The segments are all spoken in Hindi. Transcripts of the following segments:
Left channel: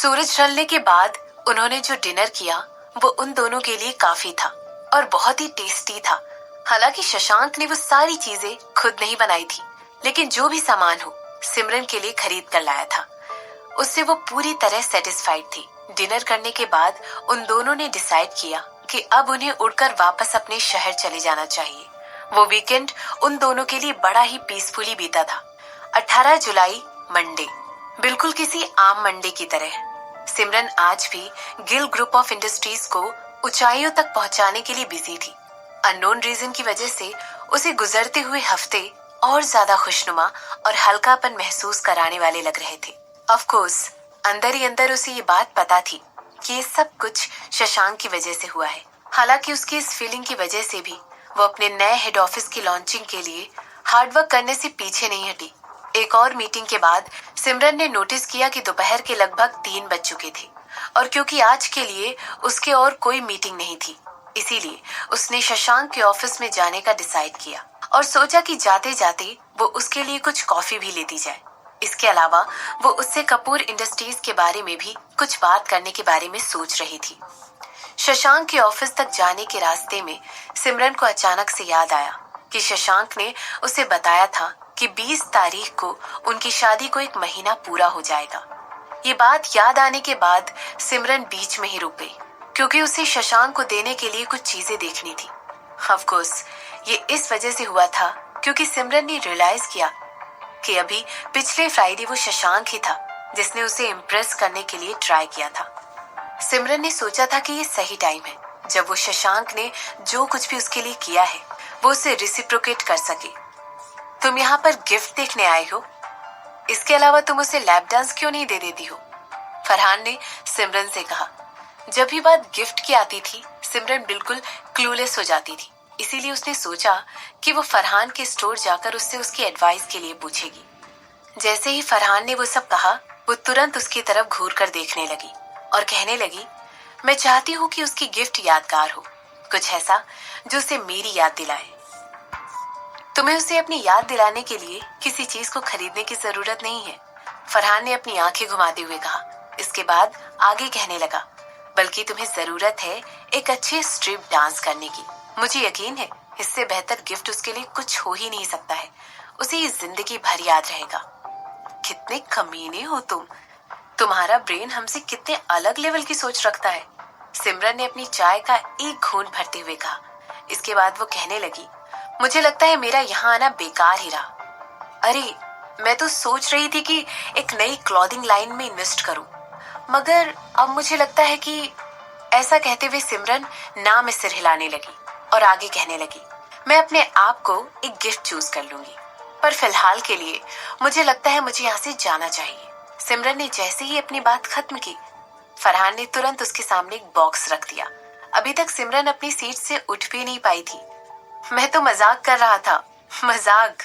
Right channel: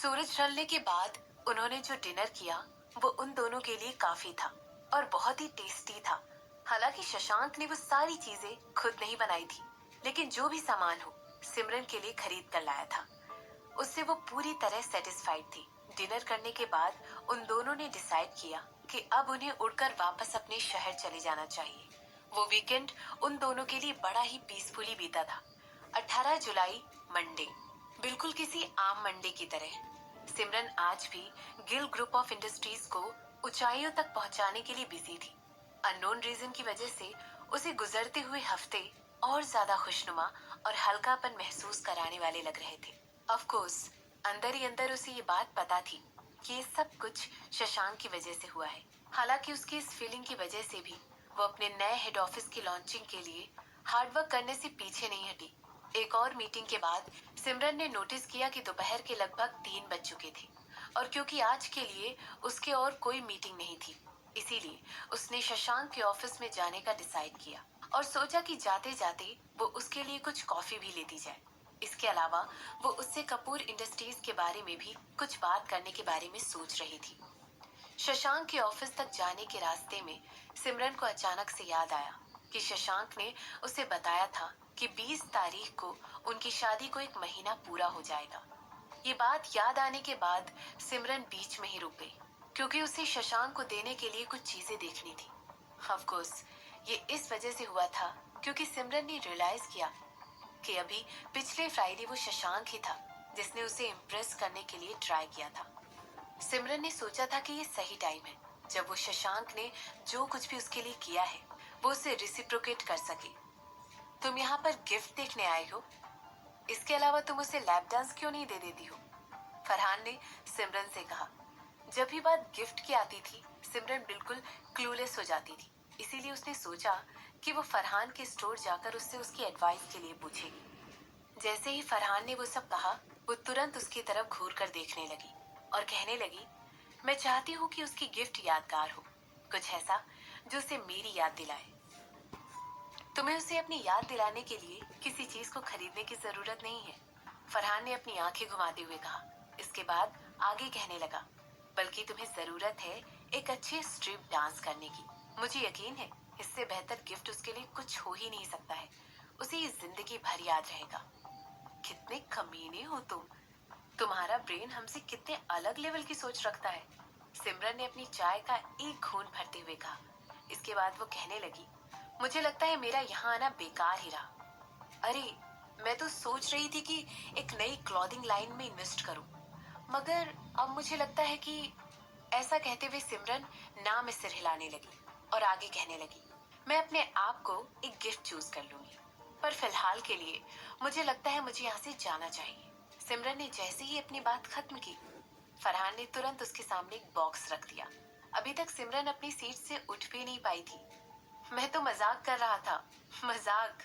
सूरज ढलने के बाद उन्होंने जो डिनर किया वो उन दोनों के लिए काफी था और बहुत ही टेस्टी था। हालांकि शशांक ने वो सारी चीजें खुद नहीं बनाई थी, लेकिन जो भी सामान हो सिमरन के लिए खरीद कर लाया था। उससे वो पूरी तरह सेटिस्फाइड थी। डिनर करने के बाद उन दोनों ने डिसाइड किया कि अब उन्हें उड़कर वापस अपने शहर चले जाना चाहिए। वो वीकेंड उन दोनों के लिए बड़ा ही पीसफुली बीता था। 18 जुलाई, मंडे, बिल्कुल किसी आम मंडे की तरह। सिमरन आज भी गिल ग्रुप ऑफ इंडस्ट्रीज को ऊंचाइयों तक पहुंचाने के लिए बिजी थी। अननोन रीजन की वजह से उसे गुजरते हुए हफ्ते और ज्यादा खुशनुमा और हल्कापन महसूस कराने वाले लग रहे थे। ऑफ कोर्स अंदर ही अंदर उसे ये बात पता थी कि ये सब कुछ शशांक की वजह से हुआ है। हालांकि उसकी इस फीलिंग की वजह से भी वो अपने नए हेड ऑफिस की लॉन्चिंग के लिए हार्डवर्क करने से पीछे नहीं हटी। एक और मीटिंग के बाद सिमरन ने नोटिस किया कि दोपहर के लगभग 3 बज चुके थे और क्योंकि आज के लिए उसके और कोई मीटिंग नहीं थी, इसीलिए उसने शशांक के ऑफिस में जाने का डिसाइड किया और सोचा कि जाते जाते वो उसके लिए कुछ कॉफी भी लेती जाए। इसके अलावा वो उससे कपूर इंडस्ट्रीज के बारे में भी कुछ बात करने के बारे में सोच रही थी। शशांक के ऑफिस तक जाने के रास्ते में सिमरन को अचानक से याद आया कि शशांक ने उसे बताया था कि 20 तारीख को उनकी शादी को 1 महीना पूरा हो जाएगा। ये बात याद आने के बाद सिमरन बीच में ही रुक गई, क्योंकि उसे शशांक को देने के लिए कुछ चीजें देखनी थी। ऑफ कोर्स ये इस वजह से हुआ था क्योंकि सिमरन ने रियलाइज किया कि अभी पिछले फ्राइडे वो शशांक ही था जिसने उसे इम्प्रेस करने के लिए ट्राई किया था। सिमरन ने सोचा था कि ये सही टाइम है जब वो शशांक ने जो कुछ भी उसके लिए किया है वो उसे रिसिप्रोकेट कर सके। तुम यहाँ पर गिफ्ट देखने आए हो, इसके अलावा तुम उसे लैप डांस क्यों नहीं दे देती हो? फरहान ने सिमरन से कहा। जब भी बात गिफ्ट की आती थी सिमरन बिल्कुल क्लूलेस हो जाती थी, इसीलिए उसने सोचा कि वो फरहान के स्टोर जाकर उससे उसकी एडवाइस के लिए पूछेगी। जैसे ही फरहान ने वो सब कहा वो तुरंत उसकी तरफ घूर कर देखने लगी और कहने लगी, मैं चाहती हूँ कि उसकी गिफ्ट यादगार हो, कुछ ऐसा जो उसे मेरी याद दिलाए। तुम्हें उसे अपनी याद दिलाने के लिए किसी चीज को खरीदने की जरूरत नहीं है, फरहान ने अपनी आंखें घुमाते हुए कहा। इसके बाद आगे कहने लगा, बल्कि तुम्हें जरूरत है एक अच्छे स्ट्रिप डांस करने की। मुझे यकीन है इससे बेहतर गिफ्ट उसके लिए कुछ हो ही नहीं सकता है, उसे ये जिंदगी भर याद रहेगा। कितने कमीने हो तुम, तुम्हारा ब्रेन हमसे कितने अलग लेवल की सोच रखता है, सिमरन ने अपनी चाय का एक घूंट भरते हुए कहा। इसके बाद वो कहने लगी, मुझे लगता है मेरा यहाँ आना बेकार ही रहा। अरे मैं तो सोच रही थी कि एक नई क्लॉथिंग लाइन में इन्वेस्ट करूं, मगर अब मुझे लगता है कि ऐसा कहते हुए सिमरन ना में सिर हिलाने लगी और आगे कहने लगी, मैं अपने आप को एक गिफ्ट चूज कर लूंगी, पर फिलहाल के लिए मुझे लगता है मुझे यहाँ से जाना चाहिए। सिमरन ने जैसे ही अपनी बात खत्म की फरहान ने तुरंत उसके सामने एक बॉक्स रख दिया। अभी तक सिमरन अपनी सीट से उठ भी नहीं पाई थी। मैं तो मजाक कर रहा था, मजाक,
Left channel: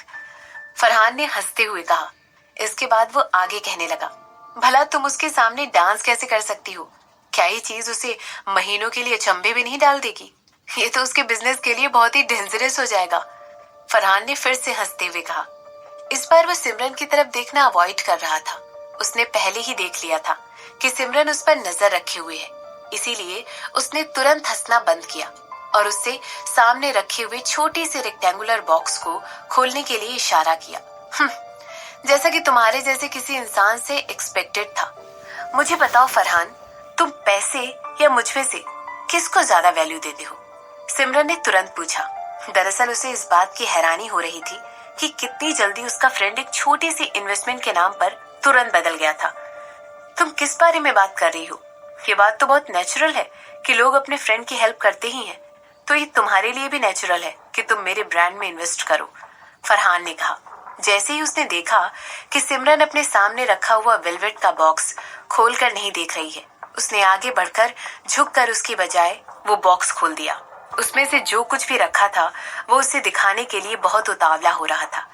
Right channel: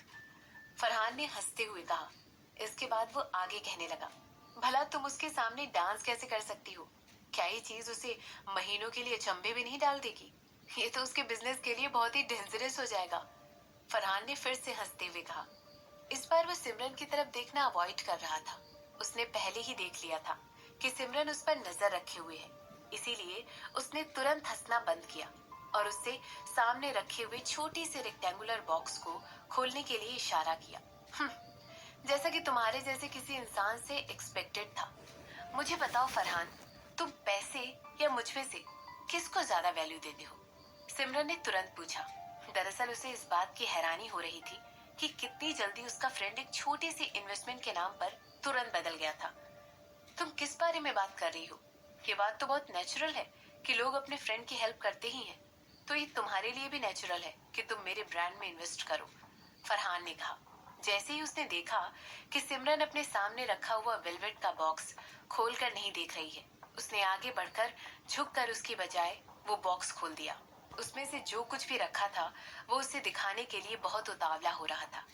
फरहान ने हंसते हुए कहा। इसके बाद वो आगे कहने लगा, भला तुम उसके सामने डांस कैसे कर सकती हो? क्या ये चीज उसे महीनों के लिए अचंभे भी नहीं डाल देगी? ये तो उसके बिजनेस के लिए बहुत ही डेंजरस हो जाएगा, फरहान ने फिर से हंसते हुए कहा। इस बार वो सिमरन की तरफ देखना अवॉइड कर रहा था। उसने पहले ही देख लिया था कि सिमरन उस पर नजर रखे हुए है, इसीलिए उसने तुरंत हंसना बंद किया और उससे सामने रखे हुए छोटे से रेक्टेंगुलर बॉक्स को खोलने के लिए इशारा किया। जैसा कि तुम्हारे जैसे किसी इंसान से एक्सपेक्टेड था। मुझे बताओ फरहान, तुम पैसे या मुझ में से किसको ज्यादा वैल्यू देते हो? सिमरन ने तुरंत पूछा। दरअसल उसे इस बात की हैरानी हो रही थी कि कितनी जल्दी उसका फ्रेंड एक छोटी सी इन्वेस्टमेंट के नाम पर तुरंत बदल गया था। तुम किस बारे में बात कर रही हो? ये बात तो बहुत नेचुरल है कि लोग अपने फ्रेंड की हेल्प करते ही हैं, तो ये तुम्हारे लिए भी नेचुरल है कि तुम मेरे ब्रांड में इन्वेस्ट करो, फरहान ने कहा। जैसे ही उसने देखा कि सिमरन अपने सामने रखा हुआ वेलवेट का बॉक्स खोलकर नहीं देख रही है, उसने आगे बढ़कर झुककर उसकी बजाय वो बॉक्स खोल दिया। उसमें से जो कुछ भी रखा था वो उसे दिखाने के लिए बहुत उतावला हो रहा था।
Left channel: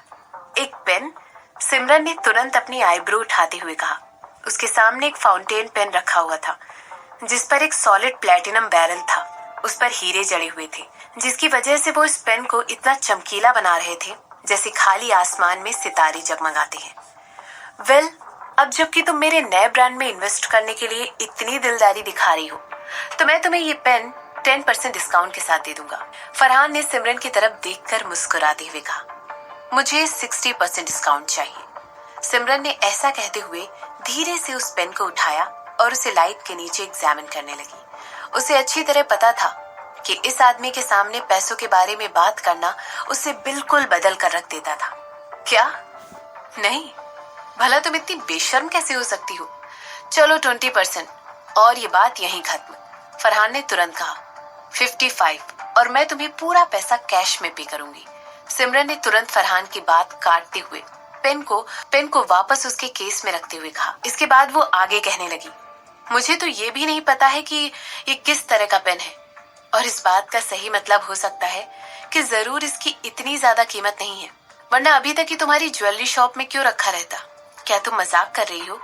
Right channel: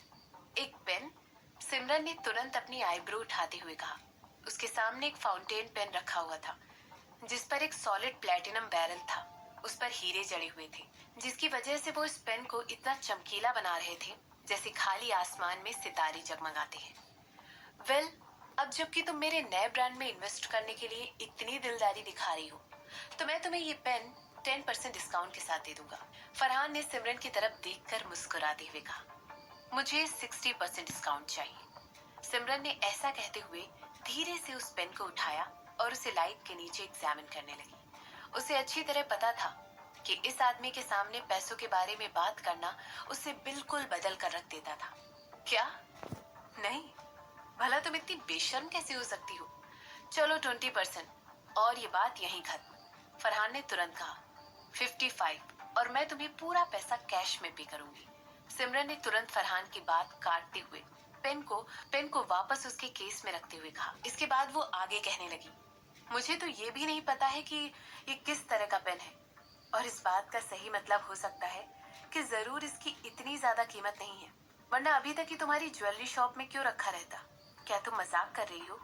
एक पेन, सिमरन ने तुरंत अपनी आईब्रो उठाते हुए कहा। उसके सामने एक फाउंटेन पेन रखा हुआ था जिस पर एक सॉलिड प्लैटिनम बैरल था। उस पर हीरे जड़े हुए थे, जिसकी वजह से वो इस पेन को इतना चमकीला बना रहे थे जैसे खाली आसमान में सितारे जगमगाते हैं। वेल, अब जबकि तुम मेरे नए ब्रांड में इन्वेस्ट करने के लिए इतनी दिलदारी दिखा रही हो, तो मैं तुम्हें ये पेन 10% डिस्काउंट के साथ दे दूंगा। फरहान ने सिमरन की तरफ देखकर मुस्कुराते हुए कहा, मुझे 60% डिस्काउंट चाहिए। सिमरन ने ऐसा कहते हुए धीरे से उस पेन को उठाया और उसे लाइट के नीचे एग्जामिन करने लगी। उसे अच्छी तरह पता था कि इस आदमी के सामने पैसों के बारे में बात करना उसे बिल्कुल बदल कर रख देता था। क्या? नहीं, भला तुम इतनी बेशर्म कैसे हो सकती हो? चलो 20% और ये बात यहीं खत्म। फरहान ने तुरंत कहा, 55 और मैं तुम्हें पूरा पैसा कैश में पे करूंगी। सिमरन ने तुरंत फरहान की बात काटते हुए पेन को वापस उसके केस में रखते हुए कहा। इसके बाद वो आगे कहने लगी, मुझे तो ये भी नहीं पता है कि ये किस तरह का पेन है, और इस बात का सही मतलब हो सकता है कि जरूर इसकी इतनी ज्यादा कीमत नहीं है, वरना अभी तक ही तुम्हारी ज्वेलरी शॉप में क्यों रखा रहता? क्या तुम मजाक कर रही हो?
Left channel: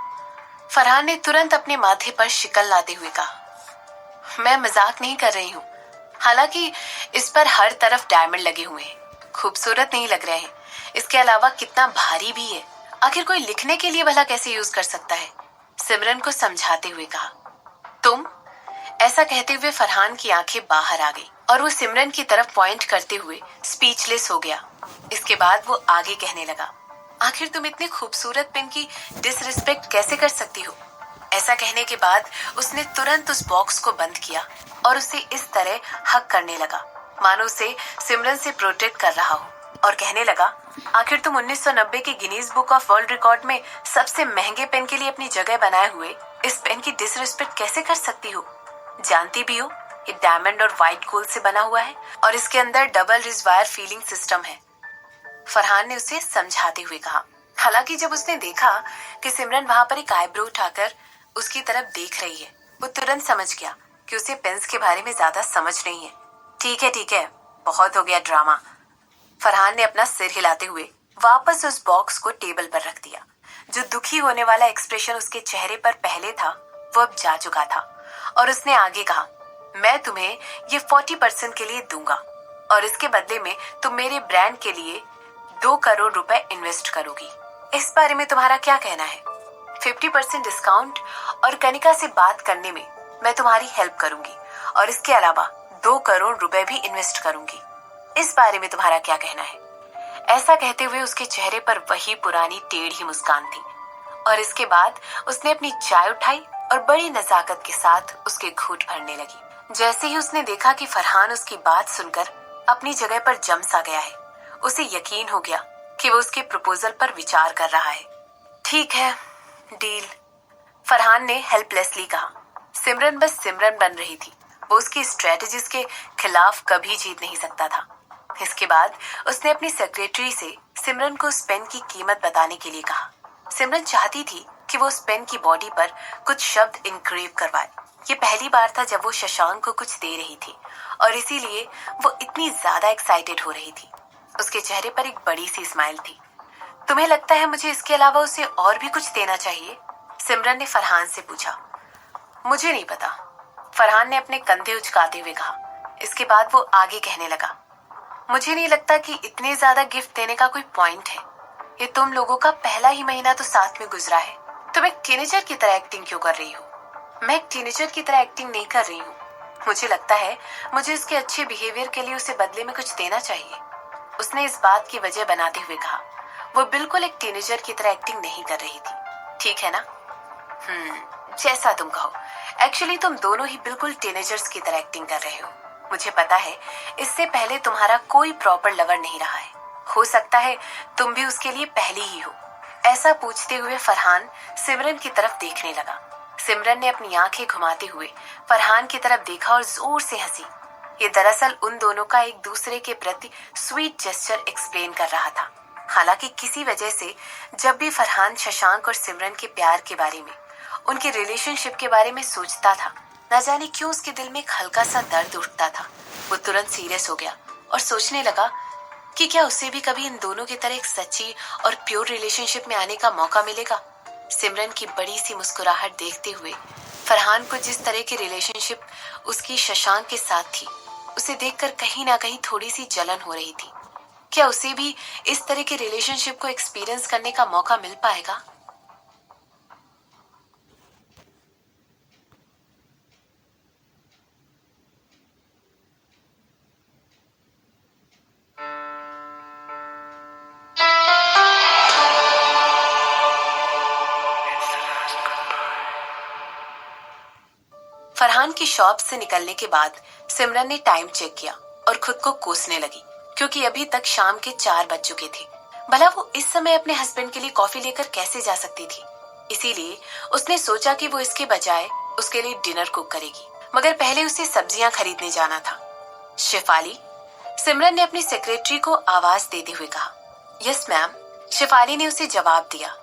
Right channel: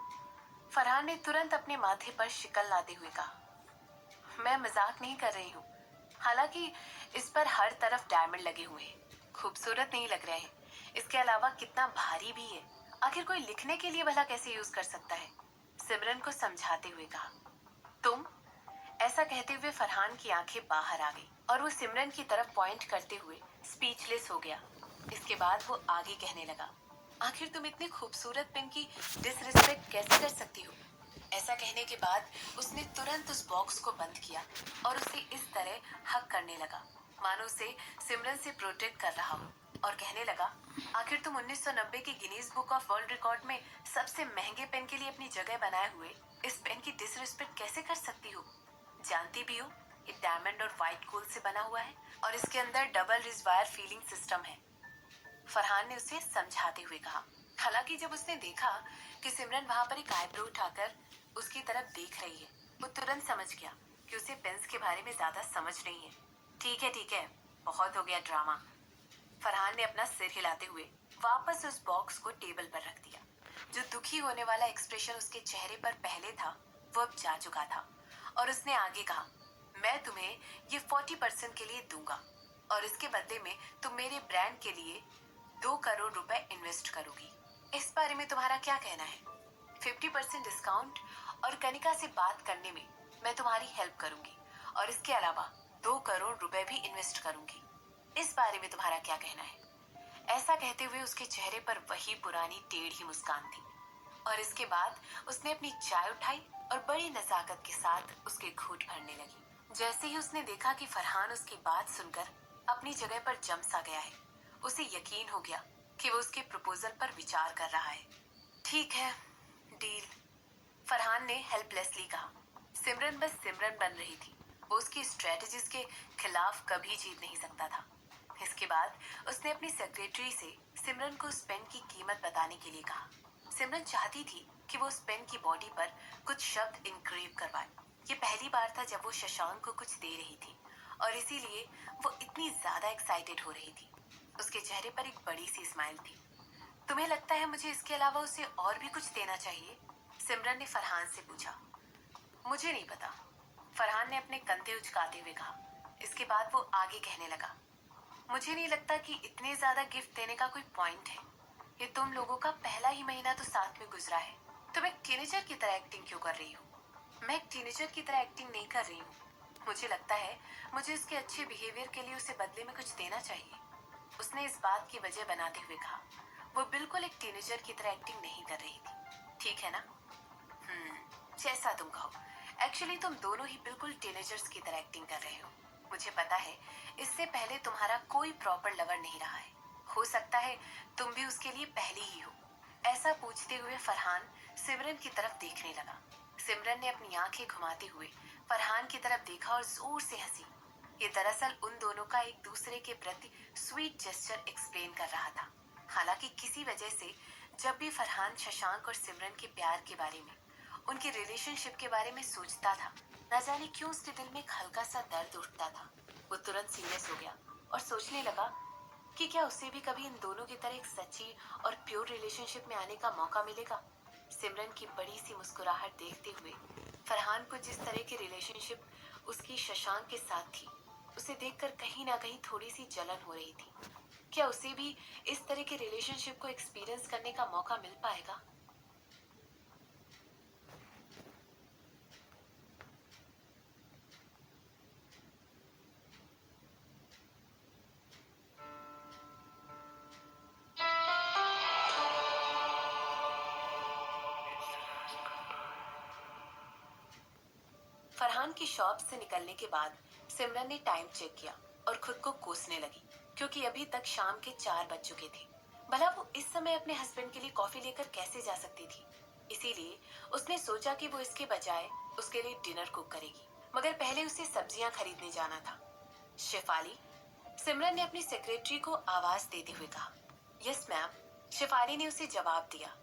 फरहान ने तुरंत अपने माथे पर शिकन लाते हुए कहा, मैं मजाक नहीं कर रही हूँ। हालांकि इस पर हर तरफ डायमंड लगे हुए हैं, खूबसूरत नहीं लग रहे हैं, इसके अलावा कितना भारी भी है। आखिर कोई लिखने के लिए भला कैसे यूज कर सकता है? सिमरन को समझाते हुए कहा। तुम? ऐसा कहते हुए फरहान की आंखें बाहर आ गई और वो सिमरन की तरफ पॉइंट करते हुए स्पीचलेस हो गया। इसके बाद वो आगे कहने लगा, आखिर तुम इतने खूबसूरत पेन की डिसरिस्पेक्ट कैसे कर सकती हो? ऐसा कहने के बाद उसने तुरंत उस बॉक्स को बंद किया और उसे इस तरह हक करने लगा मानो उसे सिमरन से प्रोटेक्ट कर रहा हो, और कहने लगा, आखिर तुम 1990 के Guinness book of world record में सबसे महंगे पेन के लिए अपनी जगह बनाए हुए इस पेन की डिसरिस्पेक्ट कैसे कर सकती हो? जानती भी हो ये डायमंड और व्हाइट गोल्ड से बना हुआ है और इसके अंदर डबल रिजवायर फीलिंग सिस्टम है। फरहान ने उसे समझाते हुए कहा। हालांकि जब उसने देखा कि सिमरन वहां पर एक आईब्रो उठाकर उसकी तरफ देख रही है, वो तुरंत समझ गया कि उसे पेन्स के बारे में ज्यादा समझ नहीं है। ठीक है, बहुत हो गया ड्रामा। फरहान ने अपना सिर हिलाते हुए वापस उस बॉक्स को टेबल पर रख दिया। जो दुखी होने वाला एक्सप्रेशन उसके चेहरे पर पहले था, वो अब जा चुका था, और उसने आगे कहा, मैं तुम्हें ये 40% के लिए दूंगा और इसके बदले में तुम मेरे ब्रांड के लिए 2 करोड़ रुपए इन्वेस्ट करोगी। इस बारे में तुम्हारा क्या कहना है? 50% डिस्काउंट और कनिका से बात करने में मैं तुम्हारी हेल्प करूंगी और इसके अलावा 2 करोड़ रुपए भी इन्वेस्ट करूंगी। इस बारे में तुम्हारा क्या कहना है? ऐसा कहते हुए उसके चेहरे पर वही पुरानी टेढ़ी मुस्कान थी, और इसके बाद उसने अपनी चाय उठाई और बड़ी नजाकत के साथ उसके घूंट भरने लगी। जैसे ही उसने देखा कि फरहान उसकी बात सुनकर अपनी जगह पर जम सा गया है, उसे यकीन हो गया कि वो उसके प्रपोजल पर विचार कर रहा है। ठीक है, डील, फरहान ने हेल्पलेसली कहा। सिमरन बस सिमरन बन रही थी, वो उसकी स्ट्रेटजीज के खिलाफ कभी जीत नहीं सकता था। इसके बाद उसने अपनी सेक्रेटरी से सिमरन को उस पेन की कीमत बताने के लिए कहा। सिमरन चाहती थी कि वो उस पेन की बॉडी पर कुछ शब्द इंक्रेव करवाए। ये पहली बार था जब वो शशांक को कुछ दे रही थी, और इसीलिए वो इतनी ज्यादा एक्साइटेड हो रही थी। उसके चेहरे पर एक बड़ी सी स्माइल थी। तुम्हें लगता है मुझे इसके अलावा उसे और भी कुछ देना चाहिए? सिमरन ने फरहान से पूछा। मुझे नहीं पता, फरहान ने अपने कंधे उचकाते हुए कहा। इसके बाद वो आगे कहने लगा, मुझे नहीं लगता कि इतने ज्यादा गिफ्ट देने का कोई पॉइंट है। ये तुम लोगों का पहला ही महीना तो साथ में गुजरा है। तुम एक टीनेजर की तरह एक्टिंग क्यों कर रही हो? मैं एक टीनेजर की तरह एक्टिंग नहीं कर रही हूँ। मुझे लगता है मुझे उसके अच्छे बिहेवियर के लिए उसे बदले में कुछ देना चाहिए, उसने इस बात की वजह बनाते हुए कहा। वो बिल्कुल एक टीनेजर की तरह एक्टिंग नहीं कर रही थी, ठीक है ना? जैसा तुम कहो। एक्चुअली तुम दोनों ही बिल्कुल टीनेजर्स की तरह एक्टिंग कर रहे हो। मुझे पता है इससे पहले तुम्हारा कोई प्रॉपर लवर नहीं रहा है। हो सकता है तुम भी उसके लिए पहली ही हो। ऐसा पूछते हुए फरहान सिमरन की तरफ देखने लगा। सिमरन ने अपनी आंखें घुमाते हुए फरहान की तरफ देखा और जोर से हंसी। ये दरअसल उन दोनों का एक दूसरे के प्रति स्वीट जेस्चर एक्सप्लेन कर रहा था। हालांकि किसी वजह से जब भी फरहान शशांक और सिमरन के प्यार के बारे में, उनके रिलेशनशिप के बारे में सोचता था, न जाने क्यों उसके दिल में एक हल्का सा दर्द उठता था। वो तुरंत सीरियस हो गया और सोचने लगा कि क्या उसे भी कभी इन दोनों की तरह एक सच्ची और प्योर रिलेशनशिप में आने का मौका मिलेगा। सिमरन की बड़ी सी मुस्कुराहट देखते हुए फरहान को जिस तरह की रिलेशनशिप उसकी शशांक के साथ थी, उसे देखकर कहीं ना कहीं थोड़ी सी जलन हो रही थी। क्या उसे भी इस तरह के रिलेशनशिप को एक्सपीरियंस करने का मौका मिल पाएगा? फरहान की शॉप से निकलने के बाद सिमरन ने टाइम चेक किया और खुद को कोसने लगी, क्योंकि अभी तक शाम के 4 बज चुके थे। भला वो इस समय अपने हस्बैंड के लिए कॉफी लेकर कैसे जा सकती थी। इसीलिए उसने सोचा कि वो इसके बजाय उसके लिए डिनर कुक करेगी, मगर पहले उसे सब्जियां खरीदने जाना था। शेफाली, सिमरन ने अपनी सेक्रेटरी को आवाज देते हुए कहा। यस मैम, शेफाली ने उसे जवाब दिया।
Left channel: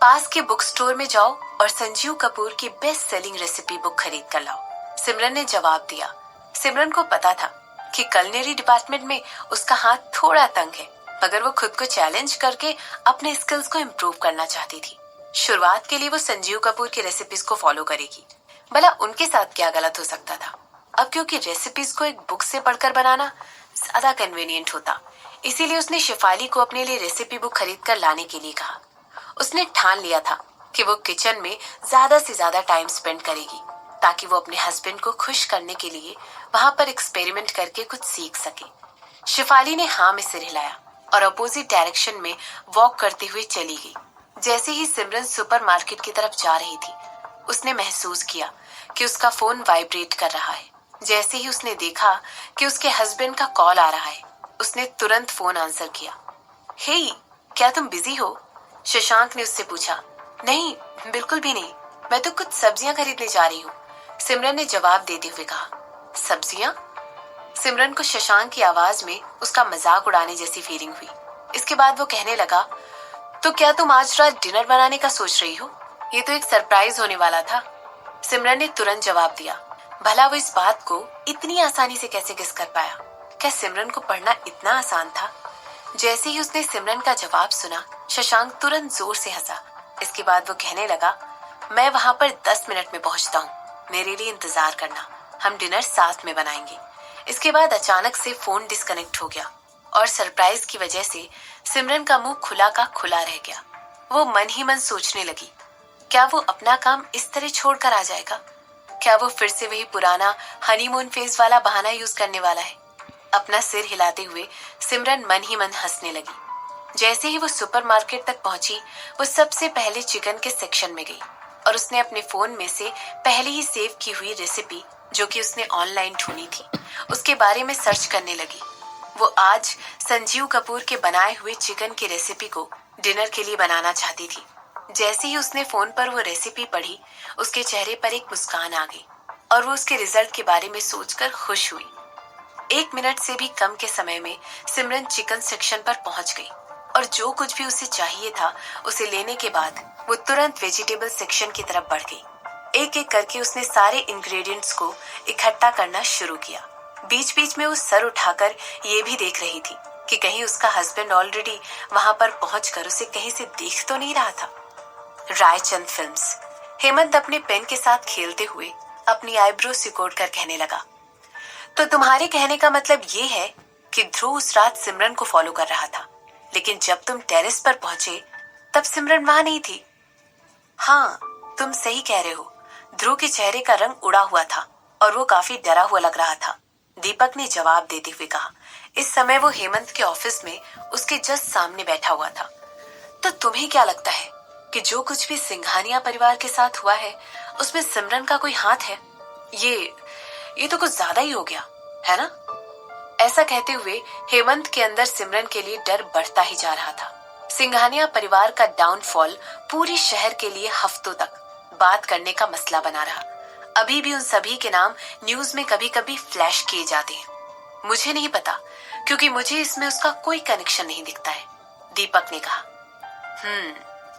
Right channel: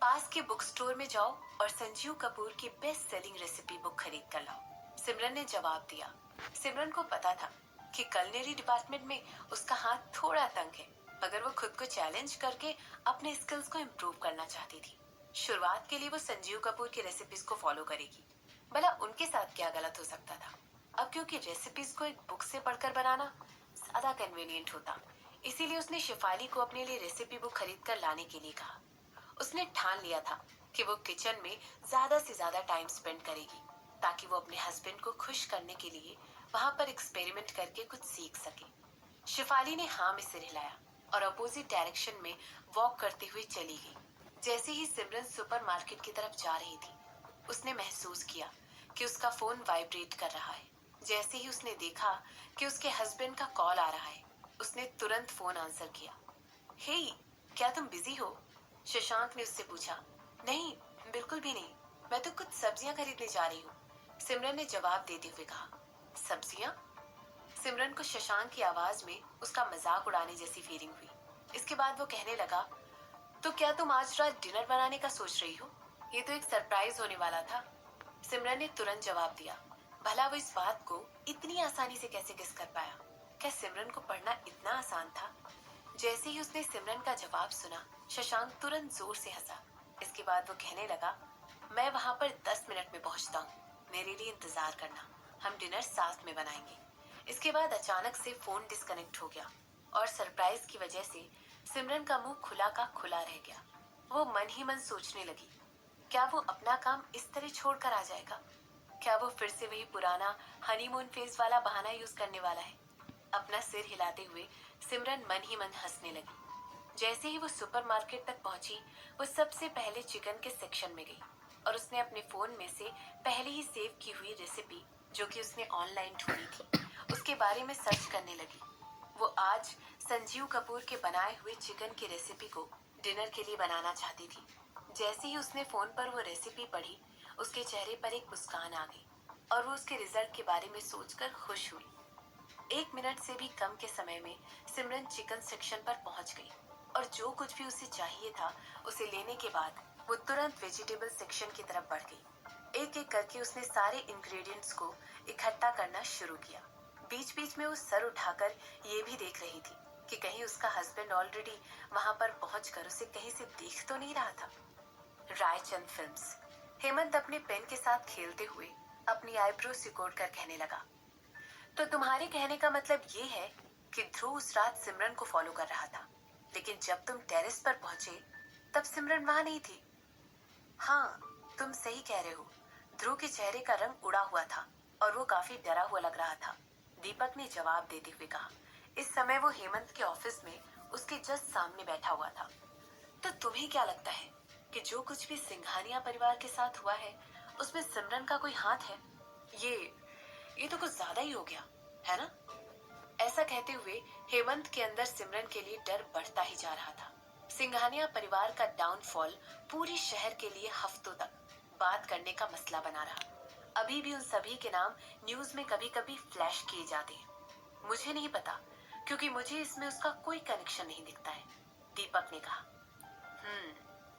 पास के बुक स्टोर में जाओ और संजीव कपूर की बेस्ट सेलिंग रेसिपी बुक खरीद कर लाओ, सिमरन ने जवाब दिया। सिमरन को पता था कि कलिनरी डिपार्टमेंट में उसका हाथ थोड़ा तंग है, मगर वो खुद को चैलेंज करके अपने स्किल्स को इम्प्रूव करना चाहती थी। शुरुआत के लिए वो संजीव कपूर की रेसिपीज को फॉलो करेगी। भला उनके साथ क्या गलत हो सकता था। अब क्योंकि रेसिपीज को एक बुक से पढ़कर बनाना ज्यादा कन्वीनियंट होता, इसीलिए उसने शेफाली को अपने लिए रेसिपी बुक खरीद कर लाने के लिए कहा। उसने ठान लिया था कि वो किचन में ज्यादा से ज्यादा टाइम स्पेंड करेगी, ताकि वो अपने हस्बैंड को खुश करने के लिए वहां पर एक्सपेरिमेंट करके कुछ सीख सके। शेफाली ने हाँ में सिर हिलाया और अपोजिट डायरेक्शन में वॉक करते हुए चली गई। जैसे ही सिमरन सुपरमार्केट की तरफ जा रही थी, उसने महसूस किया कि उसका फोन वाइब्रेट कर रहा है। जैसे ही उसने देखा कि उसके हस्बैंड का कॉल आ रहा है, उसने तुरंत फोन आंसर किया। हे, क्या तुम बिजी हो? शशांक ने उससे पूछा। नहीं, बिल्कुल भी नहीं, मैं तो कुछ सब्जियां खरीदने जा रही हूँ, सिमरन ने जवाब देते हुए कहा। सब्जियां? सिमरन को शशांक की आवाज में उसका मजाक उड़ाने जैसी फीलिंग हुई। इसके बाद वो कहने लगा, तो क्या तुम आज रात डिनर बनाने का सोच रही हो? ये तो एक सरप्राइज होने वाला था, सिमरन ने तुरंत जवाब दिया। भला वो इस बात को इतनी आसानी से कैसे गेस कर पाया? क्या सिमरन को पढ़ना इतना आसान था? जैसे ही उसने सिमरन का जवाब सुना, शशांक तुरंत जोर से हंसा। इसके बाद वो कहने लगा, मैं वहां पर 10 मिनट में पहुंचता हूँ, मेरे लिए इंतजार करना, हम डिनर साथ में बनाएंगे। इसके बाद अचानक से फोन डिस्कनेक्ट हो गया और सरप्राइज की वजह से सिमरन का मुंह खुला का खुला रह गया। वो मन ही मन सोचने लगी, क्या वो अपना काम इस तरह छोड़कर आ जाएगा? क्या वो फिर से वही पुराना हनीमून फेज वाला बहाना यूज करने वाला है? अपना सिर हिलाते हुए सिमरन मन ही मन हंसने लगी। जैसे ही वो सुपरमार्केट तक पहुंची, वो सबसे पहले चिकन के सेक्शन में गई और उसने अपने फोन में से पहले ही सेव की हुई रेसिपी, जो कि उसने ऑनलाइन ढूंढी थी, उसके बारे में सर्च करने लगी। वो आज संजीव कपूर के बनाए हुए चिकन की रेसिपी को डिनर के लिए बनाना चाहती थी। जैसे ही उसने फोन पर वो रेसिपी पढ़ी, उसके चेहरे पर एक मुस्कान आ गई और वो उसके रिजल्ट के बारे में सोचकर खुश हुई। 1 मिनट से भी कम के समय में सिमरन चिकन सेक्शन पर पहुंच गई और जो कुछ भी उसे चाहिए था उसे लेने के बाद वो तुरंत वेजिटेबल सेक्शन की तरफ बढ़ गई। एक एक करके उसने सारे इंग्रेडिएंट्स को इकट्ठा करना शुरू किया। बीच बीच में वो सर उठाकर ये भी देख रही थी कि कहीं उसका हस्बैंड ऑलरेडी वहां पर पहुंचकर उसे कहीं से देख तो नहीं रहा था। रायचंद फिल्म्स। हेमंत अपने पेन के साथ खेलते हुए अपनी आईब्रो सिकोड़ कर कहने लगा, तो तुम्हारे कहने का मतलब ये है कि ध्रुव उस रात सिमरन को फॉलो कर रहा था, लेकिन जब तुम टेरेस पर पहुंचे तब सिमरन वहां नहीं थी। हाँ, तुम सही कह रहे हो। ध्रुव के चेहरे का रंग उड़ा हुआ था और वो काफी डरा हुआ लग रहा था, दीपक ने जवाब देते हुए कहा। इस समय वो हेमंत के ऑफिस में उसके जस्ट सामने बैठा हुआ था। तो तुम्हें क्या लगता है कि जो कुछ भी सिंघानिया परिवार के साथ हुआ है उसमें सिमरन का कोई हाथ है? ये तो कुछ ज्यादा ही हो गया, है ना? ऐसा कहते हुए हेमंत के अंदर सिमरन के लिए डर बढ़ता ही जा रहा था। सिंघानिया परिवार का डाउनफॉल पूरे शहर के लिए हफ्तों तक बात करने का मसला बना रहा। अभी भी उन सभी के नाम न्यूज में कभी कभी फ्लैश किए जाते हैं। मुझे नहीं पता, क्योंकि मुझे इसमें उसका कोई कनेक्शन नहीं दिखता है, दीपक ने कहा।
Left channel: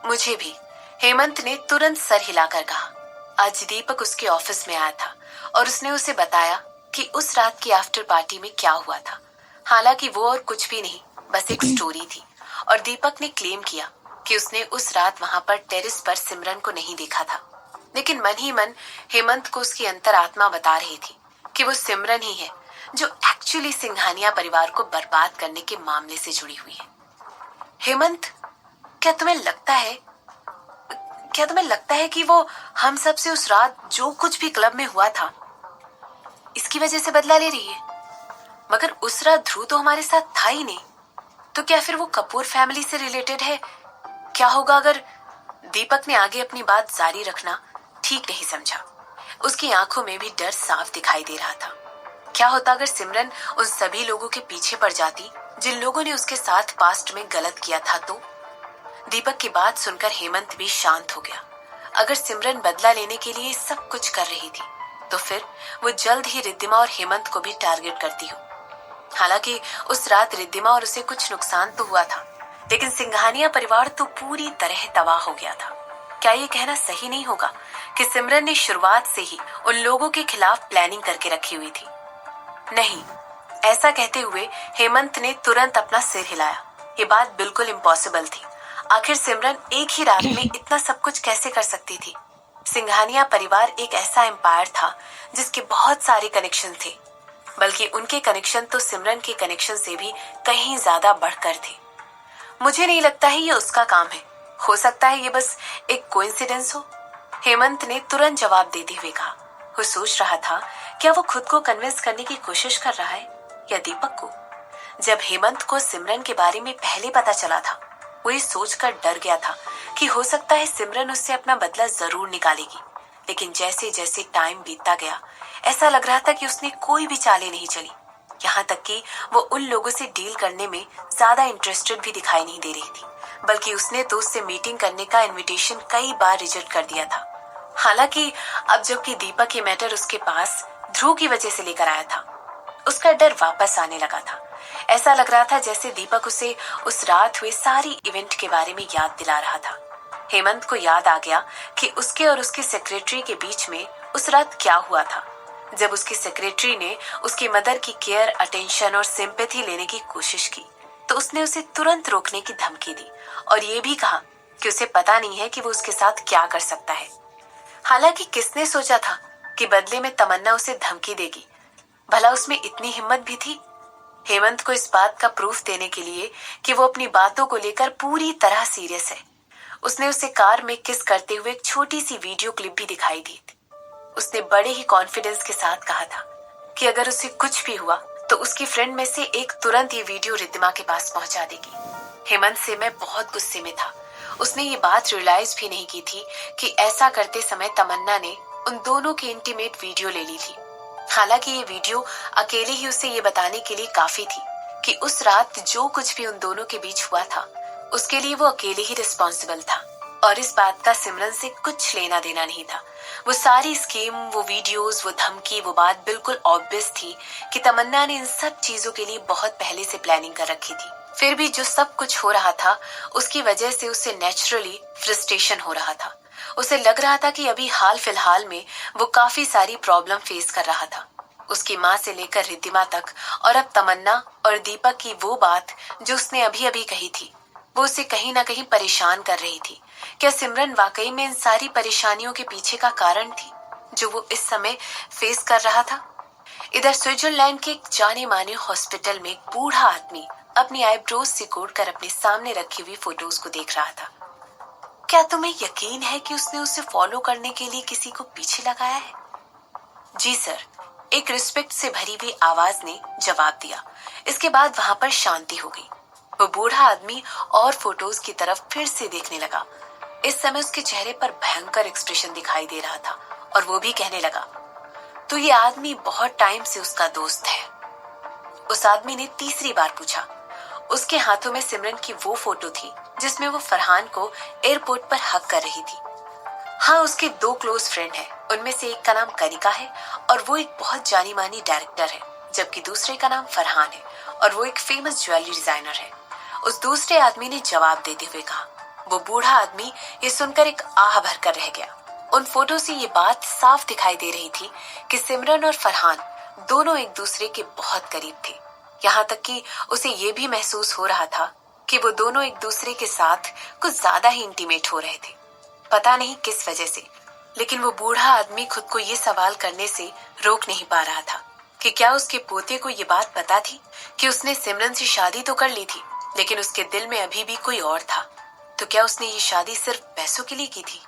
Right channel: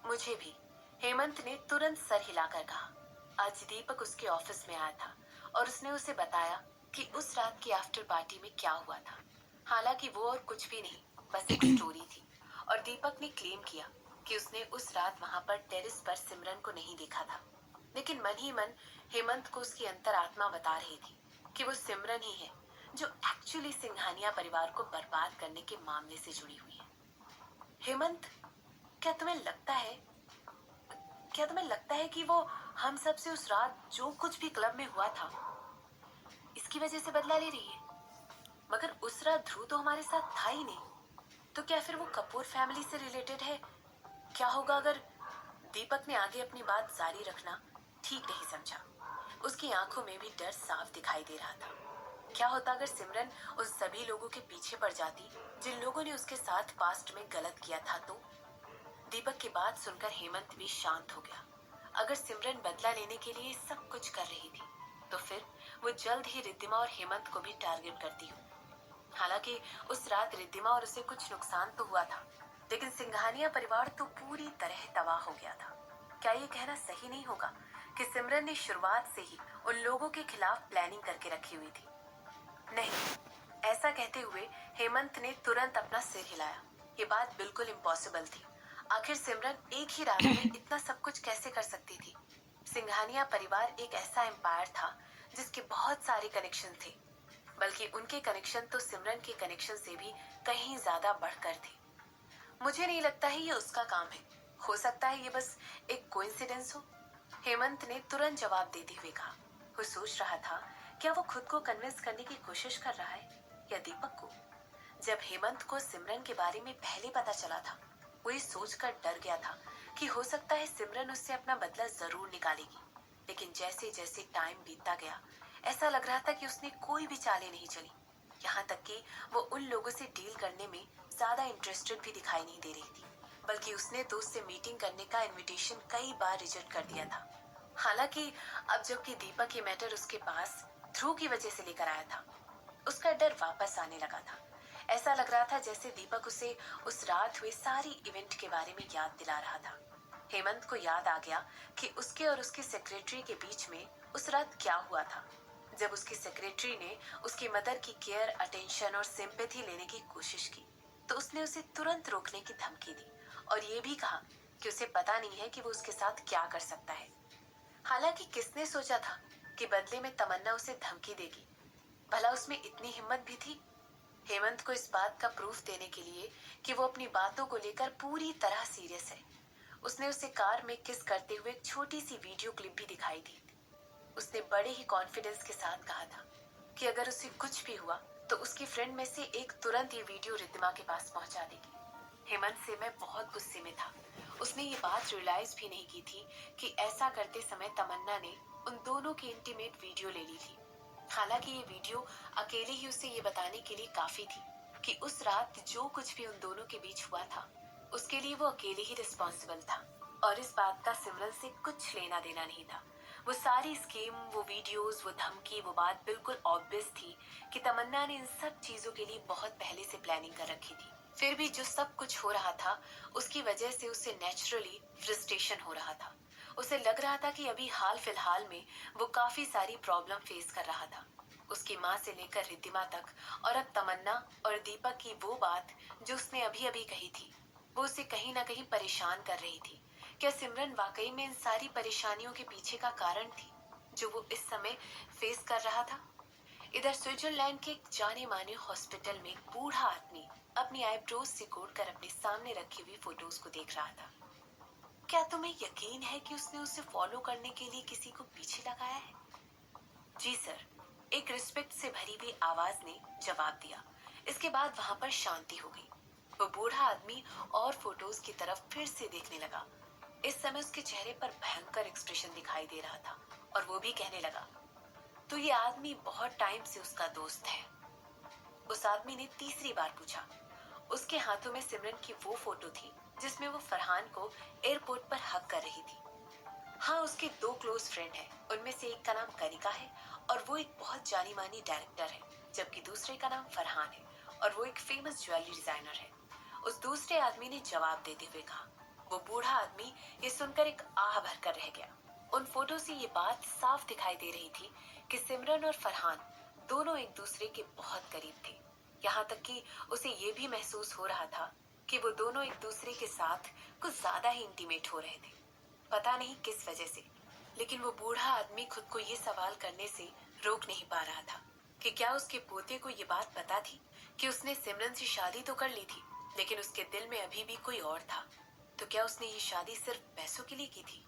मुझे भी, हेमंत ने तुरंत सर हिलाकर कहा। आज दीपक उसके ऑफिस में आया था और उसने उसे बताया कि उस रात की आफ्टर पार्टी में क्या हुआ था। हालांकि वो और कुछ भी नहीं, बस एक स्टोरी थी। और दीपक ने क्लेम किया कि उसने उस रात वहां पर टेरेस पर सिमरन को नहीं देखा था, लेकिन मन ही मन हेमंत को उसकी अंतरात्मा बता रही थी कि वो सिमरन ही है जो एक्चुअली सिंघानिया परिवार को बर्बाद करने के मामले से जुड़ी हुई है। हेमंत, क्या तुम्हें लगता है कि वो हम सब से उस रात जो कुछ भी क्लब में हुआ था इसकी वजह से बदला ले रही है? मगर उस रात ध्रुव तो हमारे साथ था ही नहीं, तो क्या फिर वो कपूर फैमिली से रिलेटेड है? क्या होगा अगर? दीपक ने आगे अपनी बात जारी रखना ठीक नहीं समझा। उसकी आंखों में भी डर साफ दिखाई दे रहा था। क्या होता अगर सिमरन उन सभी लोगों के पीछे पड़ जाती जिन लोगों ने उसके साथ पास्ट में गलत किया था तो? दीपक की बात सुनकर हेमंत भी शांत हो गया। अगर सिमरन बदला लेने के लिए सब कुछ कर रही थी तो फिर वो जल्द ही रिद्धिमा और हेमंत को भी टारगेट करती हो। हालांकि उस रात रिद्धिमा और उसे कुछ नुकसान तो हुआ था, लेकिन सिंघानिया परिवार तो पूरी तरह तबाह हो गया था। क्या ये कहना सही नहीं होगा कि सिमरन ने शुरुआत से ही उन लोगों के खिलाफ प्लानिंग करके रखी हुई थी? नहीं, ऐसा कहते हुए हेमंत ने तुरंत अपना सिर हिलाया। ये बात बिल्कुल इम्पॉसिबल थी। आखिर सिमरन एक ही रात में इतना सब कुछ कैसे कर सकती थी? सिंघानिया परिवार एक ऐसा एम्पायर था जिसके बहुत सारे कनेक्शन थे, बल्कि उनके कनेक्शन तो सिमरन के कनेक्शन से भी कहीं ज्यादा बढ़कर थे। मुझे नहीं लगता है ये उसका काम है। हो सकता है ये बस एक कोइंसिडेंस हो। हेमंत ने तुरंत जवाब देते हुए कहा। वो सोच रहा था क्या वो खुद को कन्विंस करने की कोशिश कर रहा है या दीपक को। जब हेमंत को सिमरन के बारे में पहले पता चला था, वो ये सोचकर डर गया था कि हो सकता है सिमरन उससे अपना बदला जरूर निकालेगी। लेकिन जैसे जैसे टाइम बीतता गया, ऐसा लग रहा था कि उसने कोई भी चालें नहीं चली। यहाँ तक कि वो उन लोगों से डील करने में ज्यादा इंटरेस्टेड भी दिखाई नहीं दे रही थी, बल्कि उसने तो उससे मीटिंग करने का इनविटेशन कई बार रिजेक्ट कर दिया था। हालांकि अब जबकि दीपक ये मैटर उसके पास ध्रुव की वजह से लेकर आया था, उसका डर वापस आने लगा था। ऐसा लग रहा था जैसे दीपक उसे उस रात हुए सारी इवेंट के बारे में याद दिला रहा था। हेमंत को याद आ गया कि उसके और उसके सेक्रेटरी के बीच में उस रात क्या हुआ था। जब उसकी सेक्रेटरी ने उसकी मदर की केयर, अटेंशन और सिंपैथी लेने की कोशिश की तो उसने उसे तुरंत रोकने की धमकी दी और ये भी कहा कि उसे पता नहीं है कि वो उसके साथ क्या कर सकता है। हालांकि किसने सोचा था कि बदले में तमन्ना उसे धमकी देगी? भला उसमें इतनी हिम्मत भी थी? हेमंत को इस बात का प्रूफ देने के लिए कि वो अपनी बातों को लेकर पूरी तरह सीरियस है, उसने उसे कार में किस करते हुए एक छोटी सी वीडियो क्लिप भी दिखाई दी थी। उसने बड़े ही कॉन्फिडेंस के साथ कहा था कि अगर उसे कुछ भी हुआ तो उसकी फ्रेंड में से एक तुरंत ये वीडियो रिद्धिमा के पास पहुंचा देगी। हेमंत से मैं बहुत गुस्से में था। उसने ये बात रियलाइज भी नहीं की थी कि ऐसा करते समय तमन्ना ने उन दोनों की इंटीमेट वीडियो ले ली थी। हालांकि ये वीडियो अकेले ही उसे ये बताने के लिए काफी थी कि उस रात जो कुछ भी उन दोनों के बीच हुआ था उसके लिए वो अकेले ही रिस्पॉन्सिबल था और इस बात का सिमरन से कुछ लेना देना नहीं था। वो सारी स्कीम, वो वीडियोस, वो धमकी, वो बात बिल्कुल ऑब्वियस थी कि तमन्ना ने इन सब चीजों के लिए बहुत पहले से प्लानिंग कर रखी थी। फिर भी जो सब कुछ हो रहा था उसकी वजह से उसे नेचुरली फ्रस्ट्रेशन हो रहा था। उसे लग रहा था कि अभी हाल फिलहाल में वो काफी सारी प्रॉब्लम फेस कर रहा था, उसकी माँ से लेकर रिद्धिमा तक, और अब तमन्ना और दीपक की वो बात जो उसने अभी अभी कही थी वो उसे कहीं ना कहीं परेशान कर रही थी। क्या सिमरन वाकई में इन सारी परेशानियों के पीछे का कारण थी जो वो इस समय फेस कर रहा था? इधर स्विट्जरलैंड के एक जाने माने हॉस्पिटल में एक बूढ़ा आदमी अपनी आईब्रोज सिकोड़ कर अपने सामने रखी हुई फोटोज को देख रहा था। क्या तुम्हें यकीन है कि उसने उसे फॉलो करने के लिए किसी को पीछे लगाया है? जी सर, एक रिस्पेक्ट से भरी हुई आवाज ने जवाब दिया। इसके बाद वहां पर शांति हो गई। वो बूढ़ा आदमी और फोटोज की तरफ फिर से देखने लगा। इस समय उसके चेहरे पर भयंकर एक्सप्रेशन दिखाई दे रहा था और वो भी कहने लगा, तो ये आदमी बहुत टाइम से उसका दोस्त है? उस आदमी ने तीसरी बार पूछा। उसके हाथों में सिमरन की वो फोटो थी जिसमें वो फरहान को एयरपोर्ट पर हक कर रही थी। हाँ, उसके दो क्लोज फ्रेंड हैं। उनमें से एक का नाम कनिका है और वो एक बहुत जानी मानी डायरेक्टर है, जबकि दूसरे का नाम फरहान है और वो एक फेमस ज्वेलरी डिजाइनर है। उस दूसरे आदमी ने जवाब देते हुए कहा। वो बूढ़ा आदमी ये सुनकर एक आह भर कर रह गया। उन फोटो से ये बात साफ दिखाई दे रही थी कि सिमरन और फरहान दोनों एक दूसरे के बहुत करीब थे। यहाँ तक कि उसे ये भी महसूस हो रहा था कि वो दोनों एक दूसरे के साथ कुछ ज्यादा ही इंटीमेट हो रहे थे। पता नहीं किस वजह से, लेकिन वो बूढ़ा आदमी खुद को ये सवाल करने से रोक नहीं पा रहा था कि क्या उसके पोते को ये बात पता थी कि उसने सिमरन से शादी तो कर ली थी, लेकिन उसके दिल में अभी भी कोई और था। तो क्या उसने ये शादी सिर्फ पैसों के लिए की थी?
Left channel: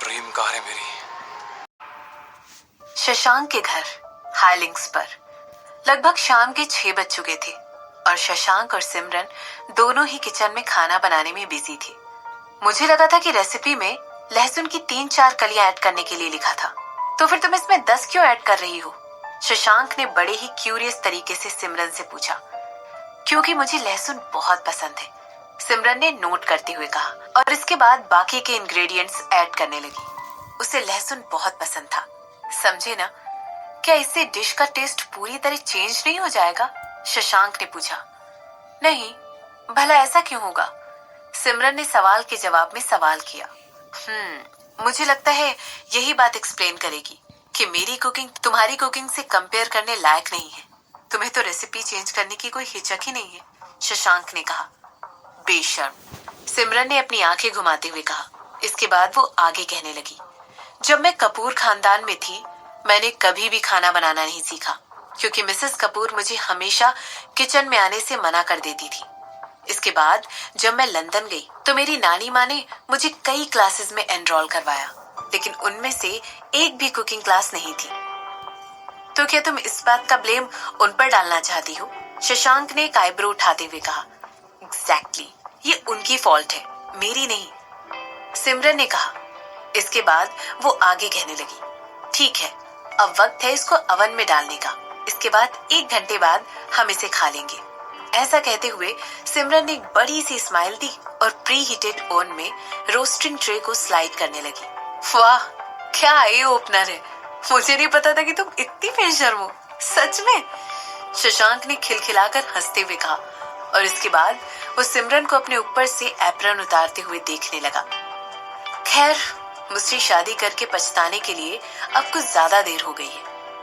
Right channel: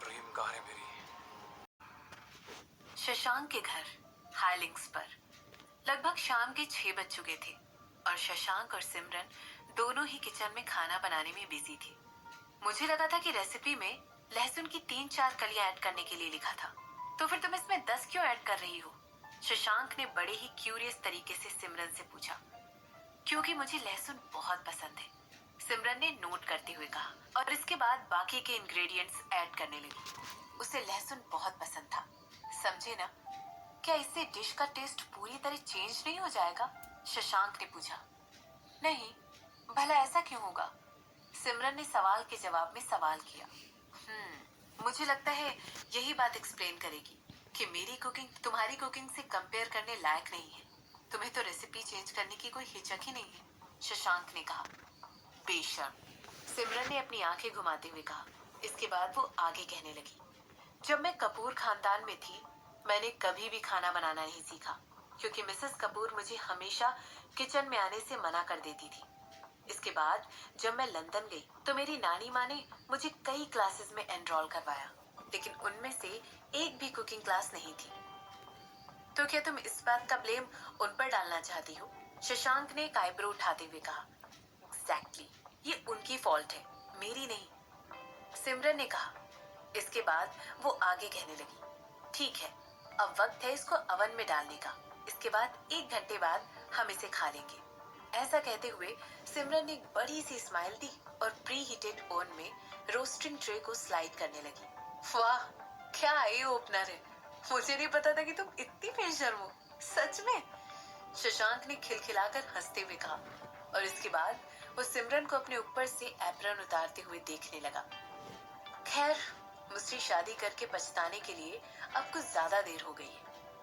प्रेम कहाँ है मेरी? शशांक के घर हाईलिंक्स पर। लगभग शाम के 6 बज चुके थे और शशांक और सिमरन दोनों ही किचन में खाना बनाने में बिजी थे। मुझे लगा था कि रेसिपी में लहसुन की 3-4 कलियां ऐड करने के लिए लिखा था, तो फिर तुम इसमें 10 क्यों ऐड कर रही हो? शशांक ने बड़े ही क्यूरियस तरीके से सिमरन से पूछा। क्योंकि मुझे लहसुन बहुत पसंद है, सिमरन ने नोट करते हुए कहा, और इसके बाद बाकी के इंग्रेडिएंट्स ऐड करने लगी। उसे लहसुन बहुत पसंद था, समझे ना? क्या इससे डिश का टेस्ट पूरी तरह चेंज नहीं हो जाएगा? शशांक ने पूछा। नहीं, भला ऐसा क्यों होगा? सिमरन ने सवाल के जवाब में सवाल किया। मुझे लगता है यही बात एक्सप्लेन करेगी कि मेरी कुकिंग तुम्हारी कुकिंग से कंपेयर करने लायक नहीं है। तुम्हें तो रेसिपी चेंज करने की कोई हिचक ही नहीं है, शशांक ने कहा। बेशर्म, सिमरन ने अपनी आंखें घुमाते हुए कहा। इसके बाद वो आगे कहने लगी। जब मैं कपूर खानदान में थी, मैंने कभी भी खाना बनाना नहीं सीखा, क्योंकि मिसेस कपूर मुझे हमेशा किचन में आने से मना कर देती थी। इसके बाद जब मैं लंदन गई तो मेरी नानी माँ ने मुझे कई क्लासेस में एनरोल करवाया, लेकिन उनमें से एक भी कुकिंग क्लास नहीं थी। तो क्या तुम इस बात का ब्लेम उन पर डालना चाहती हो? शशांक ने एक आईब्रो उठाते हुए कहा। एग्जैक्टली, ये उनकी फॉल्ट है, मेरी नहीं, सिमरन ने कहा। इसके बाद वो आगे कहने लगी। ठीक है, अब वक्त है इसको अवन में डालने का। इसके बाद 1 घंटे बाद हम इसे खा लेंगे। ऐसा कहते हुए सिमरन ने एक बड़ी सी स्माइल दी और प्री हीटेड ओवन में रोस्टिंग ट्रे को स्लाइड करने लगी। वाह, क्या आई ओपनर है! मुझे नहीं पता था कि तुम इतनी बेशर्म हो, सच में, शशांक ने खिलखिलाकर हंसते हुए कहा। और इसके बाद वो सिमरन को अपने ऊपर से एप्रन उतारते हुए देखने लगा। खैर, मुझसे शादी करके पछताने के लिए अब कुछ ज्यादा देर हो गई है,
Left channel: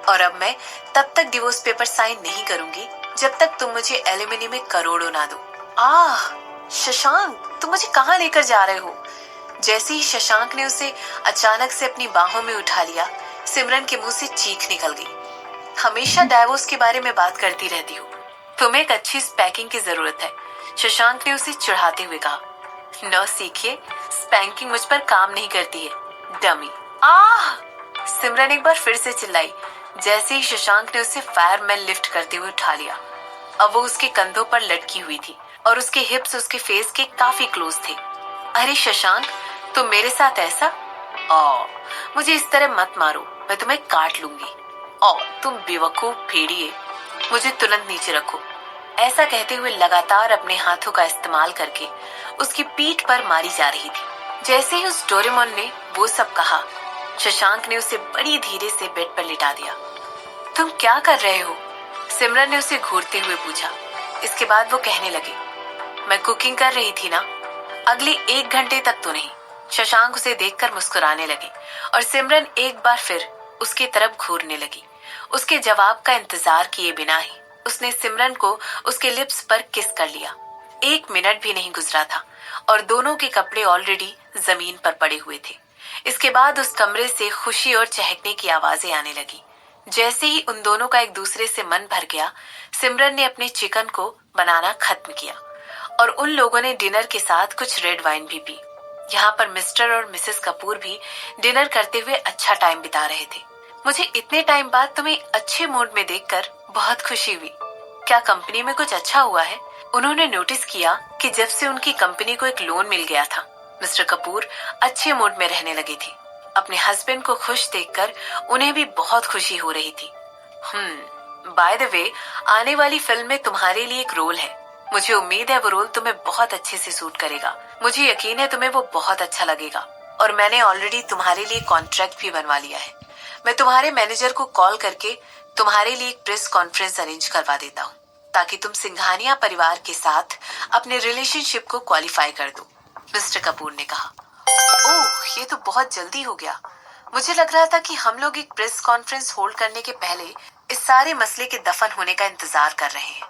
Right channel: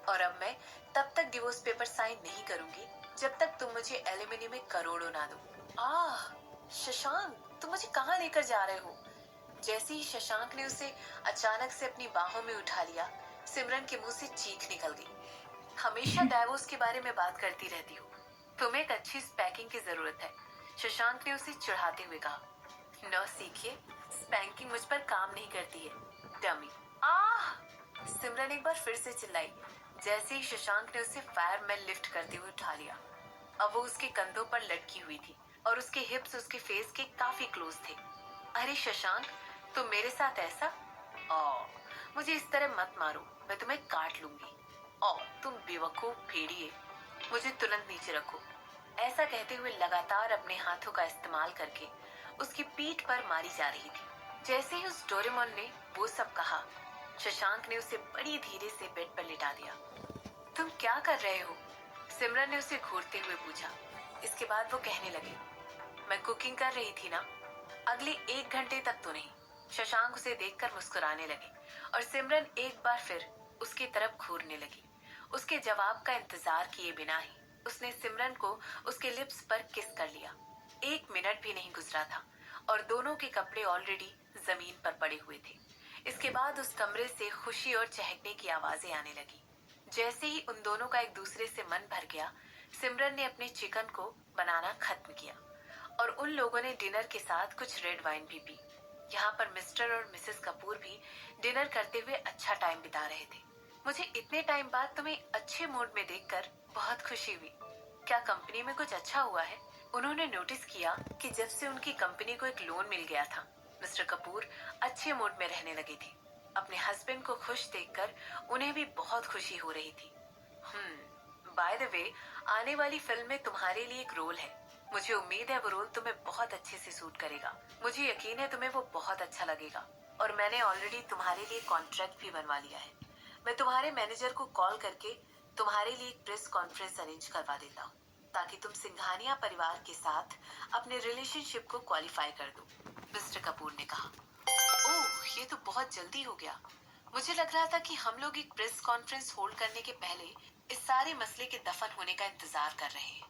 और अब मैं तब तक डिवोर्स पेपर साइन नहीं करूंगी जब तक तुम मुझे एलिमनी में करोड़ों ना दो। आह, शशांक, तुम मुझे कहाँ लेकर जा रहे हो? जैसे ही शशांक ने उसे अचानक से अपनी बाहों में उठा लिया, सिमरन के मुंह से चीख निकल गई। हमेशा डाइवोर्स के बारे में बात करती रहती हो, तुम्हें एक अच्छी स्पैकिंग की जरूरत है, शशांक ने उसे चिढ़ाते हुए कहा। न सीखिए, स्पैंकिंग मुझ पर काम नहीं करती है, डमी। आह! सिमरन एक बार फिर से चिल्लाई, जैसे ही शशांक ने उसे फायरमैन लिफ्ट करते हुए उठा लिया। अब वो उसके कंधों पर लटकी हुई थी और उसके हिप्स उसके फेस के काफी क्लोज थे। अरे शशांक, तुम मेरे साथ ऐसा? मुझे इस तरह मत मारो, मैं तुम्हें काट लूंगी। तुम बेवकूफ भेड़िए, मुझे तुरंत नीचे रखो। ऐसा कहते हुए लगातार अपने हाथों का इस्तेमाल करके उसकी पीठ पर मारी जा रही थी। जैसे ही उस डोरेमोन ने वो सब कहा, शशांक ने उसे बड़ी धीरे से बेड पर लिटा दिया। तुम क्या कर रहे हो? सिमरन ने उसे घूरते हुए पूछा। इसके बाद वो कहने लगे, मैं कुकिंग कर रही थी ना, अगले 1 घंटे तक तो नहीं। शशांक उसे देखकर मुस्कुराने लगे और सिमरन एक बार फिर उसकी तरफ घूरने लगी। उसके जवाब का इंतजार किए बिना ही उसने सिमरन को उसके लिप्स पर किस कर लिया। 1 मिनट भी नहीं गुजरा था और दोनों के कपड़े ऑलरेडी जमीन पर पड़े हुए थे। इसके बाद उस कमरे से खुशी और चहकने की आवाजें आने लगी। जैसे ही उन दोनों का एक दूसरे से मन भर गया, सिमरन ने अपने चिकन को बनाना खत्म किया और उन लोगों ने डिनर के साथ कुछ रेड वाइन भी पी। यहाँ पर मिस्टर और मिसेस कपूर भी डिनर करते हुए अच्छा टाइम बिता रहे थे। मुझे इतने टाइम बाद तुम्हें अच्छे मूड में देखकर बहुत खुशी हुई। क्या कंपनी में कुछ अच्छा हुआ है? उन्होंने नोटिस किया कि जब से उनकी कंपनी को एक लोन मिल गया था, मिस्टर कपूर अच्छे मूड में रहने लगे थे। अपने हस्बैंड को खुश देखकर उन्हें भी बहुत खुशी हो रही थी। बाय द वे, आने वाली फिल्म में तुम्हारे लिए एक रोल है। मुझे उम्मीद है वो रोल तुम्हें बहुत अच्छे से सूट करेगा। मुझे यकीन है तुम्हें वो बहुत अच्छा लगेगा और मैंने ऑलरेडी तुम्हारे लिए कॉन्ट्रैक्ट भी बनवा लिया है। मैं तुम्हारे मैनेजर को कॉल करके तुम्हारे लिए एक प्रेस कॉन्फ्रेंस अरेंज करवा देता हूँ, ताकि तुम सिंघानिया परिवार के साथ अपने रिलेशनशिप को क्वालिफाई कर दो, मिस्टर कपूर ने कहा। ओह, ये तो बहुत जल्दी हो गया। मुझे लग रहा था कि हम लोग एक प्रेस कॉन्फ्रेंस होल्ड करने के पहले इस सारे मसले के दफन होने का इंतजार कर रहे हैं।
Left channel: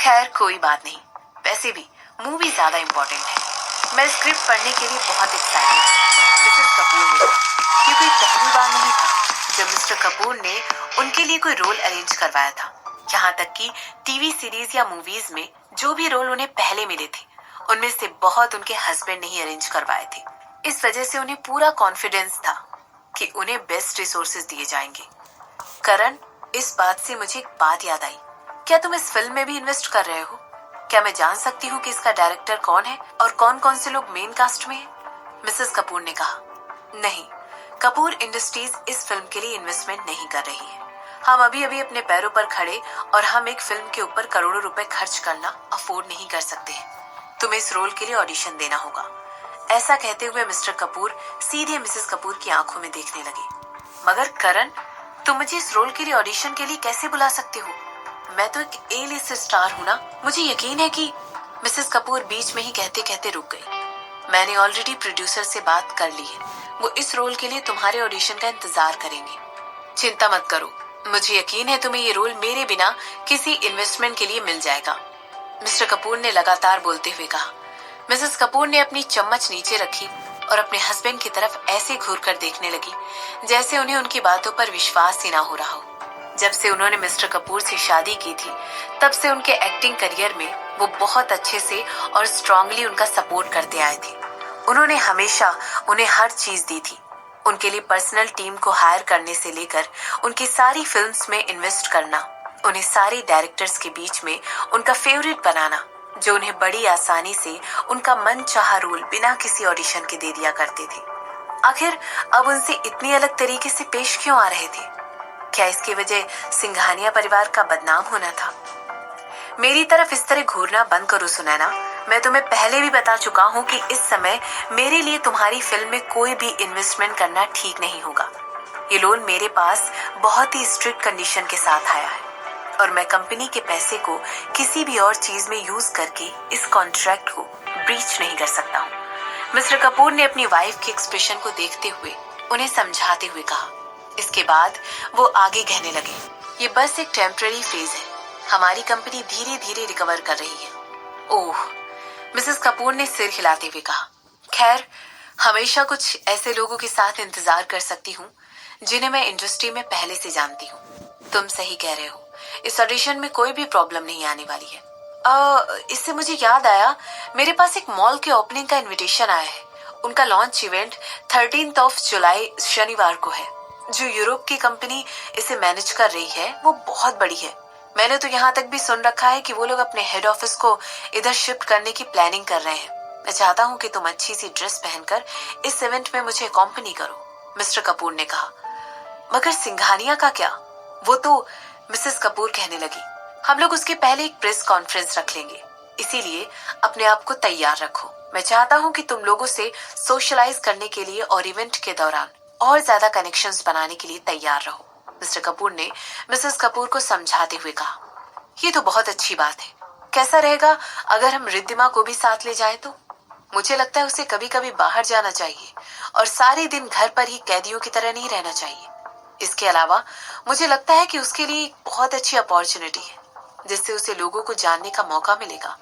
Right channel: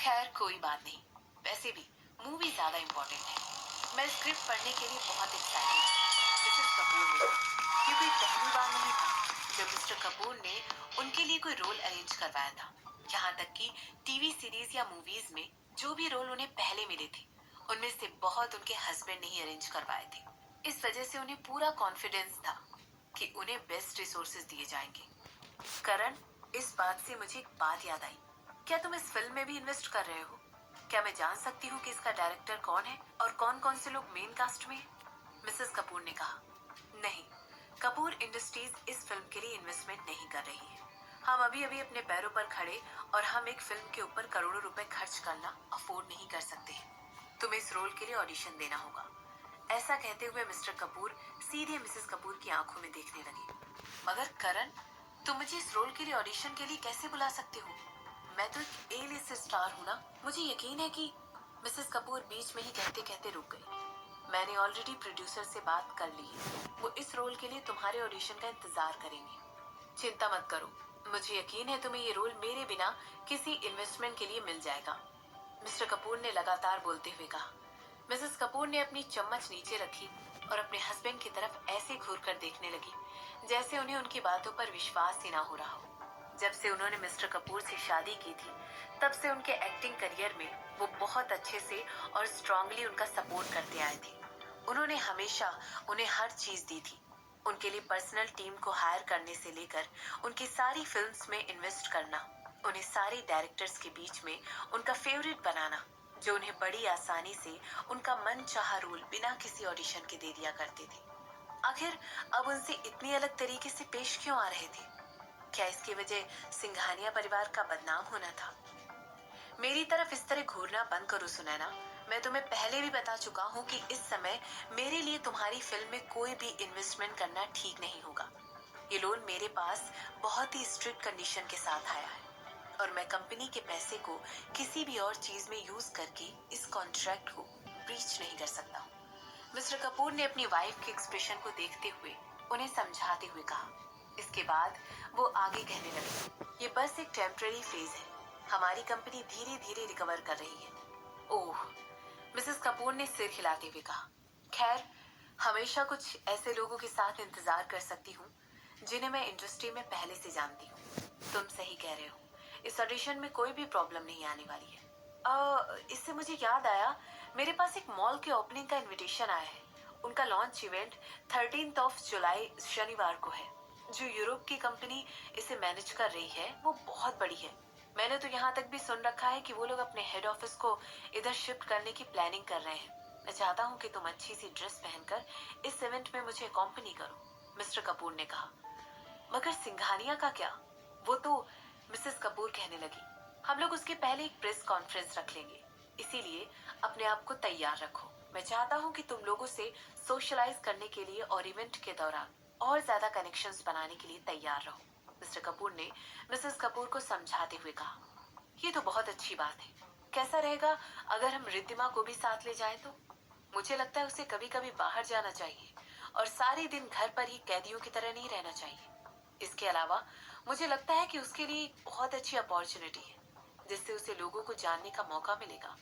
खैर, कोई बात नहीं। वैसे भी मूवी ज्यादा इम्पोर्टेंट है। मैं स्क्रिप्ट पढ़ने के लिए बहुत एक्साइटेड हूँ, मिसेस कपूर ने कहा। ये कोई पहली बार नहीं था जब मिस्टर कपूर ने उनके लिए कोई रोल अरेंज करवाया था। यहाँ तक कि टीवी सीरीज या मूवीज में जो भी रोल उन्हें पहले मिले थे, उनमें से बहुत उनके हस्बैंड ने ही अरेंज करवाए थे। इस वजह से उन्हें पूरा कॉन्फिडेंस था कि उन्हें बेस्ट रिसोर्सेज दिए जाएंगे। करण, इस बात से मुझे एक बात याद आई। क्या तुम इस फिल्म में भी इन्वेस्ट कर रहे हो? क्या मैं जान सकती हूँ कि इसका डायरेक्टर कौन है और कौन कौन से लोग मेन कास्ट में हैं? मिसेस कपूर ने कहा। नहीं, कपूर इंडस्ट्रीज इस फिल्म के लिए इन्वेस्टमेंट नहीं कर रही है। हम अभी अभी अपने पैरों पर खड़े और हम एक फिल्म के ऊपर करोड़ों रुपए खर्च करना अफोर्ड नहीं कर सकते हैं। तुम्हें इस रोल के लिए ऑडिशन देना होगा। ऐसा कहते हुए मिस्टर कपूर सीधे मिसेस कपूर की आंखों में देखने लगे। मगर करण, तुम मुझे इस रोल के लिए ऑडिशन के लिए कैसे बुला सकते हो? मैं तो एक ए लिस्ट स्टार हूँ ना। मुझे यकीन है कि मिसेस कपूर बीच में ही कहते कहते रुक गई। मैंने ऑलरेडी प्रोड्यूसर से बात कर ली है। वो इस रोल के लिए तुम्हारे ऑडिशन का इंतजार करेंगे। चिंता मत करो, मुझे यकीन है तुम्हें ये रोल मेरे बिना किसी इन्वेस्टमेंट के लिए मिल जाएगा, मिस्टर कपूर ने लगातार बोलते हुए कहा। मिसेस कपूर ने अपनी चम्मच नीचे रखी और अपने हस्बैंड की तरफ ऐसे घूर कर देखने लगी जैसे उन्हें उनकी बातों पर विश्वास ही ना हो रहा हो। जब से उन्होंने मिस्टर कपूर से शादी की थी, तब से उनके एक्टिंग करियर में वो बहुत अच्छे से और स्ट्रांगली उनका सपोर्ट करते आए थे। उन्होंने हमेशा उन्हें हर चीज दी थी। उनके लिए पर्सनल टीम को हायर करने से लेकर उनकी सारी फिल्म्स में इन्वेस्ट करना, उन्हें सारे डायरेक्टर्स के बीच में उनका फेवरेट बनाना, जो उन्हें बड़ी आसानी से उनका मनचाहा रोल बिना किसी ऑडिशन के दे दिया करते थे। आखिर अब उनसे इतनी अलग तरीके से पेश क्यों आ रहे थे? क्या इसकी वजह सिंघानिया परिवार का बदनाम होना था? मेरी तरफ इस तरह घूरना बंद करो सुनैना। मैं तुम्हें पहले भी बता चुका हूँ कि इस समय मेरे लिए तुम्हारी फिल्म में कोई भी इन्वेस्टमेंट करना ठीक नहीं होगा। ये लोन मेरे पास बहुत ही स्ट्रिक्ट कंडीशन के साथ आया है और मैं कंपनी के पैसे को किसी भी और चीज में यूज करके इस कॉन्ट्रैक्ट को ब्रीच नहीं कर सकता हूँ। मिस्टर कपूर ने अपनी वाइफ के एक्सप्रेशन को देखते हुए उन्हें समझाते हुए कहा। इसके बाद वो आगे कहने लगे, ये बस एक टेम्पररी फेज है। हमारी कंपनी धीरे धीरे रिकवर कर रही है। ओह, मिसेस कपूर ने सिर हिलाते हुए कहा। खैर, हमेशा कुछ ऐसे लोगों के साथ इंतजार कर सकती हूँ जिन्हें मैं इंडस्ट्री में पहले से जानती हूँ। तुम सही कह रहे हो, इस ऑडिशन में कोई भी प्रॉब्लम नहीं आने वाली है। इससे मुझे याद आया, मेरे पास एक मॉल के ओपनिंग का इनविटेशन आया है। उनका लॉन्च इवेंट 13 जुलाई शनिवार को है। जो यूरोप की कंपनी इसे मैनेज कर रही है वो बहुत बड़ी है। मैंने तो यहाँ तक भी सुन रखा है कि वो लोग अपने हेड ऑफिस को इधर शिफ्ट करने की प्लानिंग कर रहे हैं। मैं चाहता हूँ कि तुम अच्छी सी ड्रेस पहनकर इस इवेंट में मुझे अकॉम्पनी करो, मिस्टर कपूर ने कहा। मगर सिंघानिया का क्या? वो तो, मिसेस कपूर कहने लगी, हम लोग उसके पहले एक प्रेस कॉन्फ्रेंस रख लेंगे, इसीलिए अपने आप को तैयार रखो। मैं चाहता हूँ कि तुम लोगों से सोशलाइज करने के लिए और इवेंट के दौरान और ज्यादा कनेक्शंस बनाने के लिए तैयार रहो, मिस्टर कपूर ने मिसेस कपूर को समझाते हुए कहा। ये तो बहुत अच्छी बात है। कैसा रहेगा अगर हम रिद्धिमा को भी साथ ले जाएं तो? मुझे लगता है उसे कभी कभी बाहर जाना चाहिए और सारे दिन घर पर ही कैदियों की तरह नहीं रहना चाहिए। इसके अलावा मुझे लगता है कि उसके लिए एक बहुत अच्छी अपॉर्चुनिटी है, जिससे उसे लोगों को जानने का मौका मिलेगा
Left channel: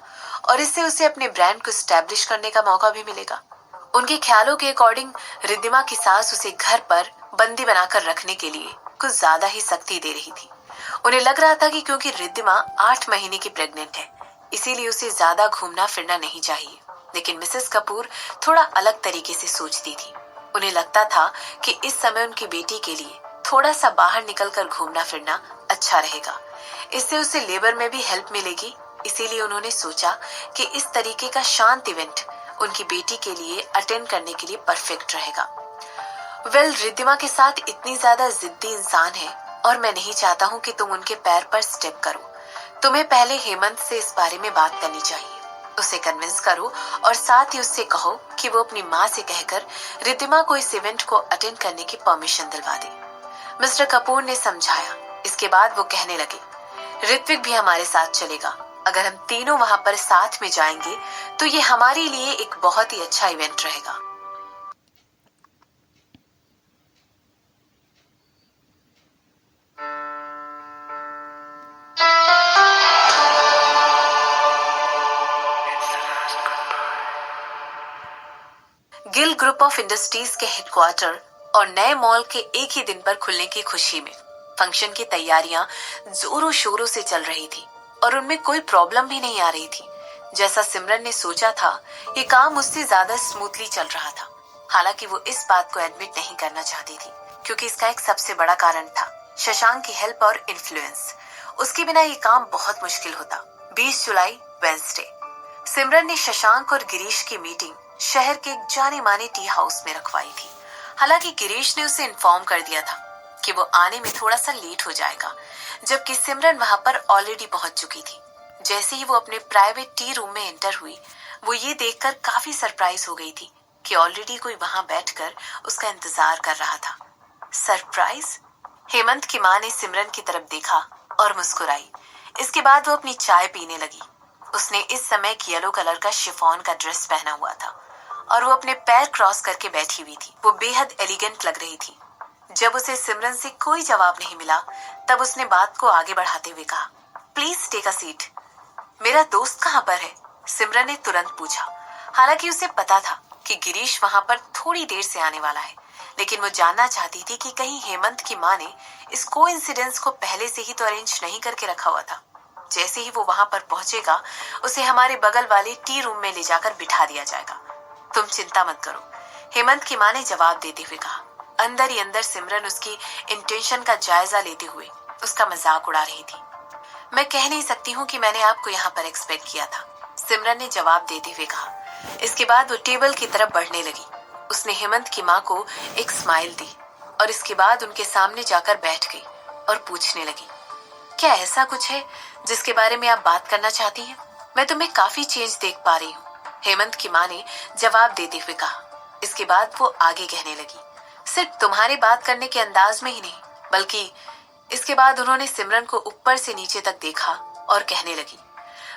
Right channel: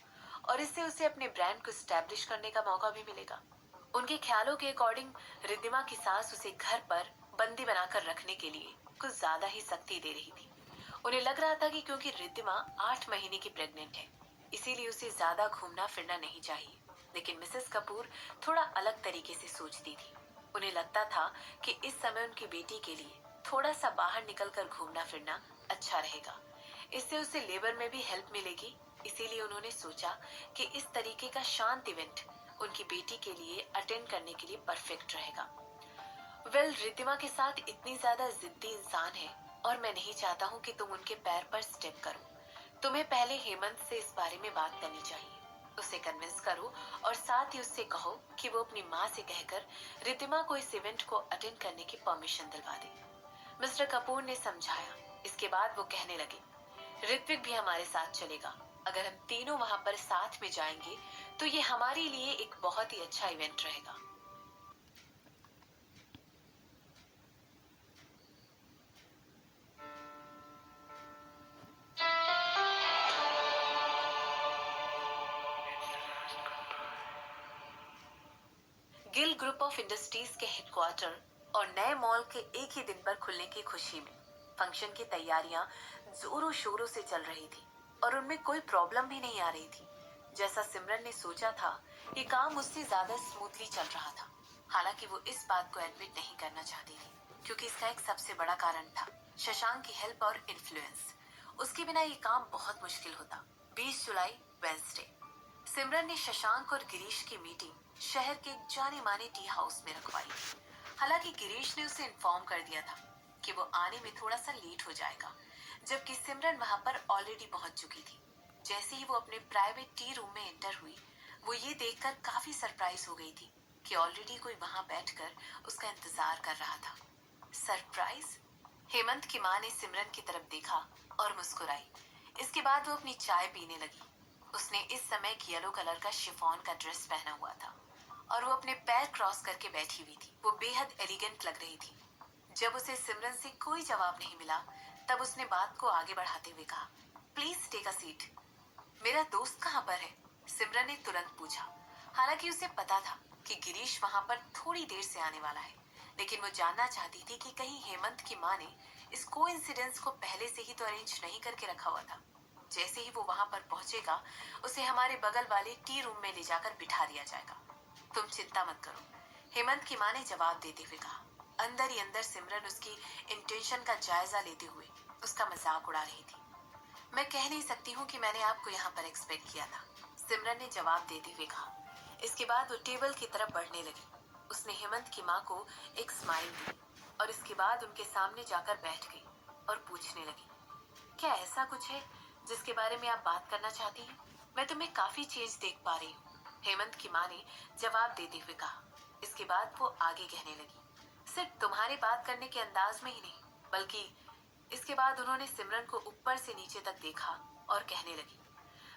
और इससे उसे अपने ब्रांड को स्टैब्लिश करने का मौका भी मिलेगा। उनके ख्यालों के अकॉर्डिंग रिद्धिमा की सास उसे घर पर बंदी बनाकर रखने के लिए कुछ ज्यादा ही सख्ती दे रही थी। उन्हें लग रहा था कि क्योंकि रिद्धिमा 8 महीने की प्रेग्नेंट है, इसीलिए उसे ज्यादा घूमना फिरना नहीं चाहिए। लेकिन मिसेस कपूर थोड़ा अलग तरीके से सोचती थी। उन्हें लगता था कि इस समय उनकी बेटी के लिए थोड़ा सा बाहर निकलकर घूमना फिरना अच्छा रहेगा। इससे उसे लेबर में भी हेल्प मिलेगी। इसीलिए उन्होंने सोचा कि इस तरीके का शांत इवेंट उनकी बेटी के लिए अटेंड करने के लिए परफेक्ट रहेगा। रिद्धिमा के साथ इतनी ज्यादा जिद्दी इंसान है और मैं नहीं चाहता हूँ कि तुम उनके पैर पर स्टेप करो। तुम्हें पहले हेमंत से इस बारे में बात करनी चाहिए। उसे कन्विंस करो और साथ ही उससे कहो कि वो अपनी माँ से कहकर रिद्धिमा को इस इवेंट को अटेंड करने की परमिशन दिलवा दे, मिस्टर कपूर ने समझाया। इसके बाद वो कहने लगे, ऋत्विक भी हमारे साथ चलेगा। अगर हम तीनों वहां पर साथ में जाएंगे तो ये हमारे लिए एक बहुत ही अच्छा इवेंट रहेगा। गिल ग्रुप ऑफ इंडस्ट्रीज के हेडक्वार्टर और नए मॉल के एक ही दिन पर खुलने की खुशी में फंक्शन की तैयारियां जोरों शोरों से चल रही थी और उनमें कोई प्रॉब्लम भी नहीं आ रही थी। जैसा सिमरन ने सोचा था, ये काम उससे ज्यादा स्मूथली चल रहा था। हालांकि वो इस बात को एडमिट नहीं करना चाहती थी, क्योंकि इसका एक सबसे बड़ा कारण था। शशांक की हेल्प और इन्फ्लुएंस। उसके बिना ये काम बहुत मुश्किल होता। 20 जुलाई वेंसडे। सिमरन ने शशांक और गिरीश की मीटिंग शहर के एक जाने माने टी हाउस में रखवाई थी। हालांकि गिरीश ने उसे इन्फॉर्म कर दिया था कि वो आने में थोड़ा सा लेट हो जाएगा, जबकि सिमरन वहां पर ऑलरेडी पहुंच चुकी थी। जैसे ही वो अपने प्राइवेट टी रूम में एंटर हुई, वो ये देखकर काफी सरप्राइज हो गई थी कि ऑलरेडी कोई वहां बैठकर उसका इंतजार कर रहा था। सरप्राइज? हेमंत की माँ ने सिमरन की तरफ देखा और मुस्कुराई। इसके बाद वो अपनी चाय पीने लगी। उसने इस समय एक येलो कलर का शिफॉन का ड्रेस पहना हुआ था और वो अपने पैर क्रॉस करके बैठी हुई थी। वो बेहद एलिगेंट लग रही थी। जब उसे सिमरन से कोई जवाब नहीं मिला, तब उसने बात को आगे बढ़ाते हुए कहा, प्लीज टेक अ सीट। मेरा दोस्त कहाँ पर है? सिमरन ने तुरंत पूछा। हालांकि उसे पता था कि गिरीश वहां पर थोड़ी देर से आने वाला है, लेकिन वो जानना चाहती थी कि कहीं हेमंत की माँ ने इस कोइंसिडेंस को पहले से ही तो अरेंज नहीं करके रखा हुआ था। जैसे ही वो वहां पर पहुंचेगा, उसे हमारे बगल वाले टी रूम में ले जाकर बिठा दिया जाएगा। तुम चिंता मत करो, हेमंत की माँ ने जवाब देते हुए कहा। अंदर ही अंदर सिमरन उसकी इंटेंशन का जायजा लेते हुए उसका मजाक उड़ा रही थी। मैं कह नहीं सकती हूँ कि मैंने आपको यहाँ पर एक्सपेक्ट किया था, सिमरन ने जवाब देते हुए कहा। इसके बाद वो टेबल की तरफ बढ़ने लगी। उसने हेमंत की माँ को एक स्माइल दी और इसके बाद उनके सामने जाकर बैठ गई और पूछने लगी, क्या ऐसा कुछ है जिसके बारे में आप बात करना चाहती हैं? मैं तुम्हें काफी चेंज देख पा रही हूँ, हेमंत की माँ ने जवाब देते हुए कहा। इसके बाद वो आगे कहने लगी, सिर्फ तुम्हारे बात करने के अंदाज में ही नहीं, बल्कि इसके बाद उन्होंने सिमरन को ऊपर से नीचे तक देखा और कहने लगी,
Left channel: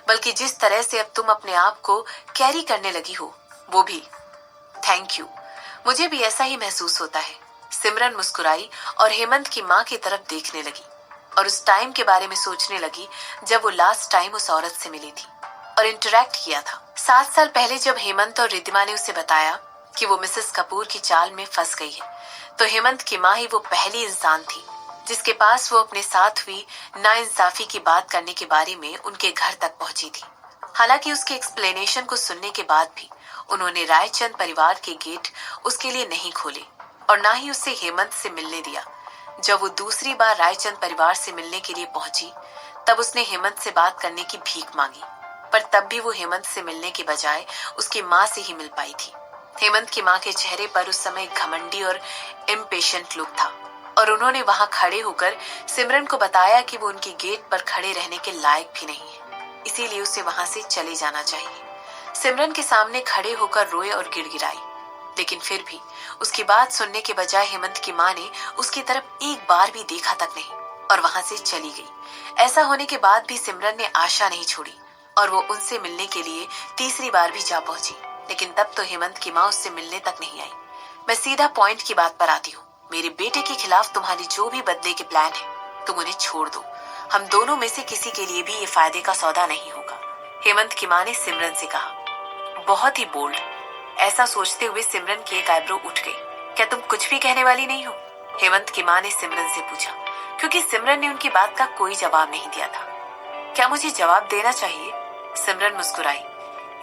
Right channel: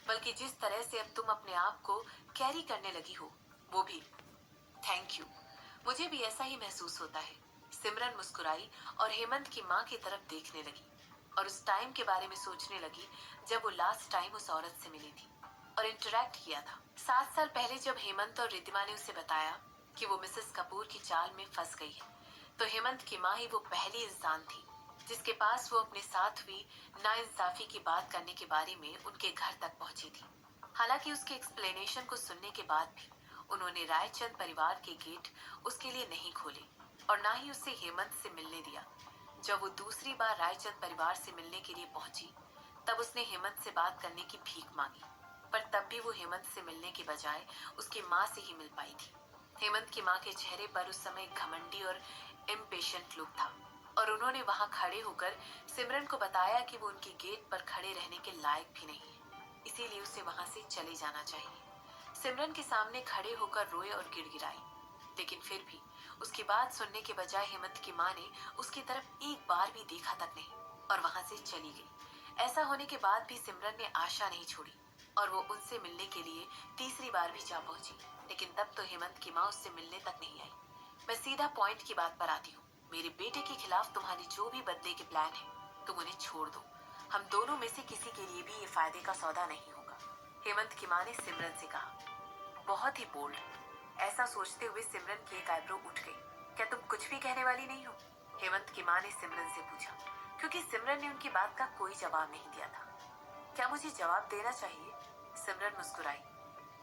बल्कि जिस तरह से अब तुम अपने आप को कैरी करने लगी हो, वो भी। थैंक यू, मुझे भी ऐसा ही महसूस होता है। सिमरन मुस्कुराई और हेमंत की माँ की तरफ देखने लगी और उस टाइम के बारे में सोचने लगी जब वो लास्ट टाइम उस औरत से मिली थी और इंटरेक्ट किया था। 7 साल पहले जब हेमंत और रिद्धिमा ने उसे बताया कि वो मिसेस कपूर की चाल में फंस गई है, तो हेमंत की माँ ही वो पहली इंसान थी जिसके पास वो अपने साथ हुई नाइंसाफी की बात करने के बारे में उनके घर तक पहुंची थी। हालांकि उसके एक्सप्लेनेशन को सुनने के बाद भी उन्होंने रायचंद परिवार के गेट उसके लिए नहीं खोले और ना ही उसे हेमंत से मिलने दिया। जब वो दूसरी बार रायचंद परिवार से मिलने के लिए पहुंची, तब उसने हेमंत से बात करने की भीख मांगी, पर तब भी वो हेमंत से मिलने के बजाय उसकी माँ से ही मिल पाई थी। हेमंत की माँ के चेहरे पर उस समय घमंडी और इम्पेशेंट लुक था और उन्होंने वहां खड़े होकर सिमरन को बताया कि वो उनके गेट पर खड़े रहने के लायक भी नहीं है, इसीलिए उसे वहां से चले जाना चाहिए। सिमरन के सामने खड़े होकर रोए और गिड़गिड़ाई, लेकिन फिर भी उसकी बात सुनने के बजाय हेमंत की माँ ने उसकी तरफ एक बार भी देखा तक नहीं और वहां से चली गई। ऐसा होने के बाद भी सिमरन ने आशा नहीं छोड़ी और वो उनसे मिलने के लिए तीसरी बार भी जा पहुंची, लेकिन तब तो हेमंत की माँ उससे मिलने तक नहीं आई। मैं सीधा पॉइंट की बात पर आती हूँ। मेरे बेटे के खिलाफ तुम्हारी जो भी बदले के प्लान है, तुम उन्हें छोड़ दो। हम दोनों में से किसी के लिए भी ये फायदे का सौदा नहीं होगा, हेमंत की माँ ने सिमरन से कहा। बहुत ही बोल्ड। ऐसा सोचते हुए सिमरन की एक आईब्रो उठ गई। क्या तुम कुछ भी कहने वाली नहीं हो? हेमंत की माँ ने सिमरन से पूछा, क्योंकि सिमरन ने उनकी बात का कोई जवाब नहीं दिया था। क्या मुझे जवाब देना चाहिए? सिमरन मुस्कुराई।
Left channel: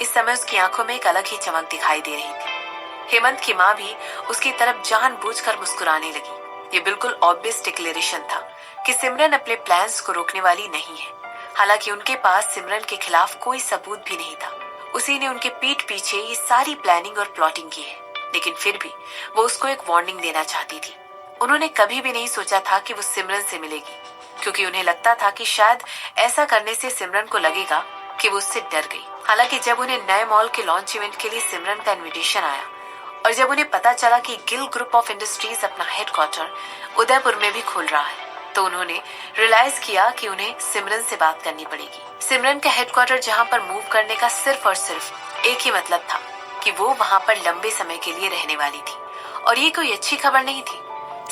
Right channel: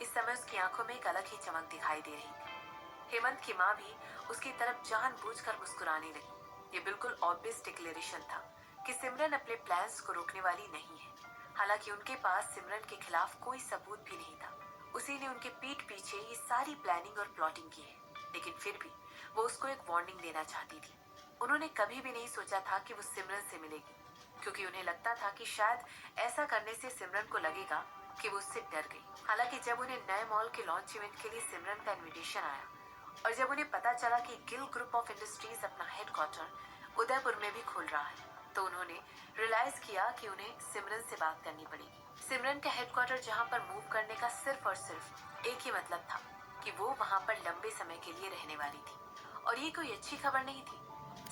इस समय उसकी आंखों में एक अलग ही चमक दिखाई दे रही थी। हेमंत की माँ भी उसकी तरफ जानबूझकर मुस्कुराने लगी। ये बिल्कुल ऑब्वियस डिक्लेरेशन था कि सिमरन अपने प्लान्स को रोकने वाली नहीं है। हालांकि उनके पास सिमरन के खिलाफ कोई सबूत भी नहीं था। उसी ने उनके पीठ पीछे ये सारी प्लानिंग और प्लॉटिंग की है, लेकिन फिर भी वो उसको एक वार्निंग देना चाहती थी। उन्होंने कभी भी नहीं सोचा था कि वो सिमरन से मिलेगी, क्योंकि उन्हें लगता था कि शायद ऐसा करने से सिमरन को लगेगा कि वो उससे डर गई। हालांकि जब उन्हें नए मॉल के लॉन्च इवेंट के लिए सिमरन का इनविटेशन आया और जब उन्हें पता चला कि गिल ग्रुप ऑफ इंडस्ट्रीज अपना हेडक्वार्टर उदयपुर में भी खोल रहा है, तो उन्होंने रियलाइज किया कि उन्हें सिमरन से बात करनी पड़ेगी। सिमरन का हेडक्वार्टर जहां पर मूव करने का सिर्फ और सिर्फ एक ही मतलब था कि वो वहां पर लंबे समय के लिए रहने वाली थी। और ये कोई अच्छी खबर नहीं थी।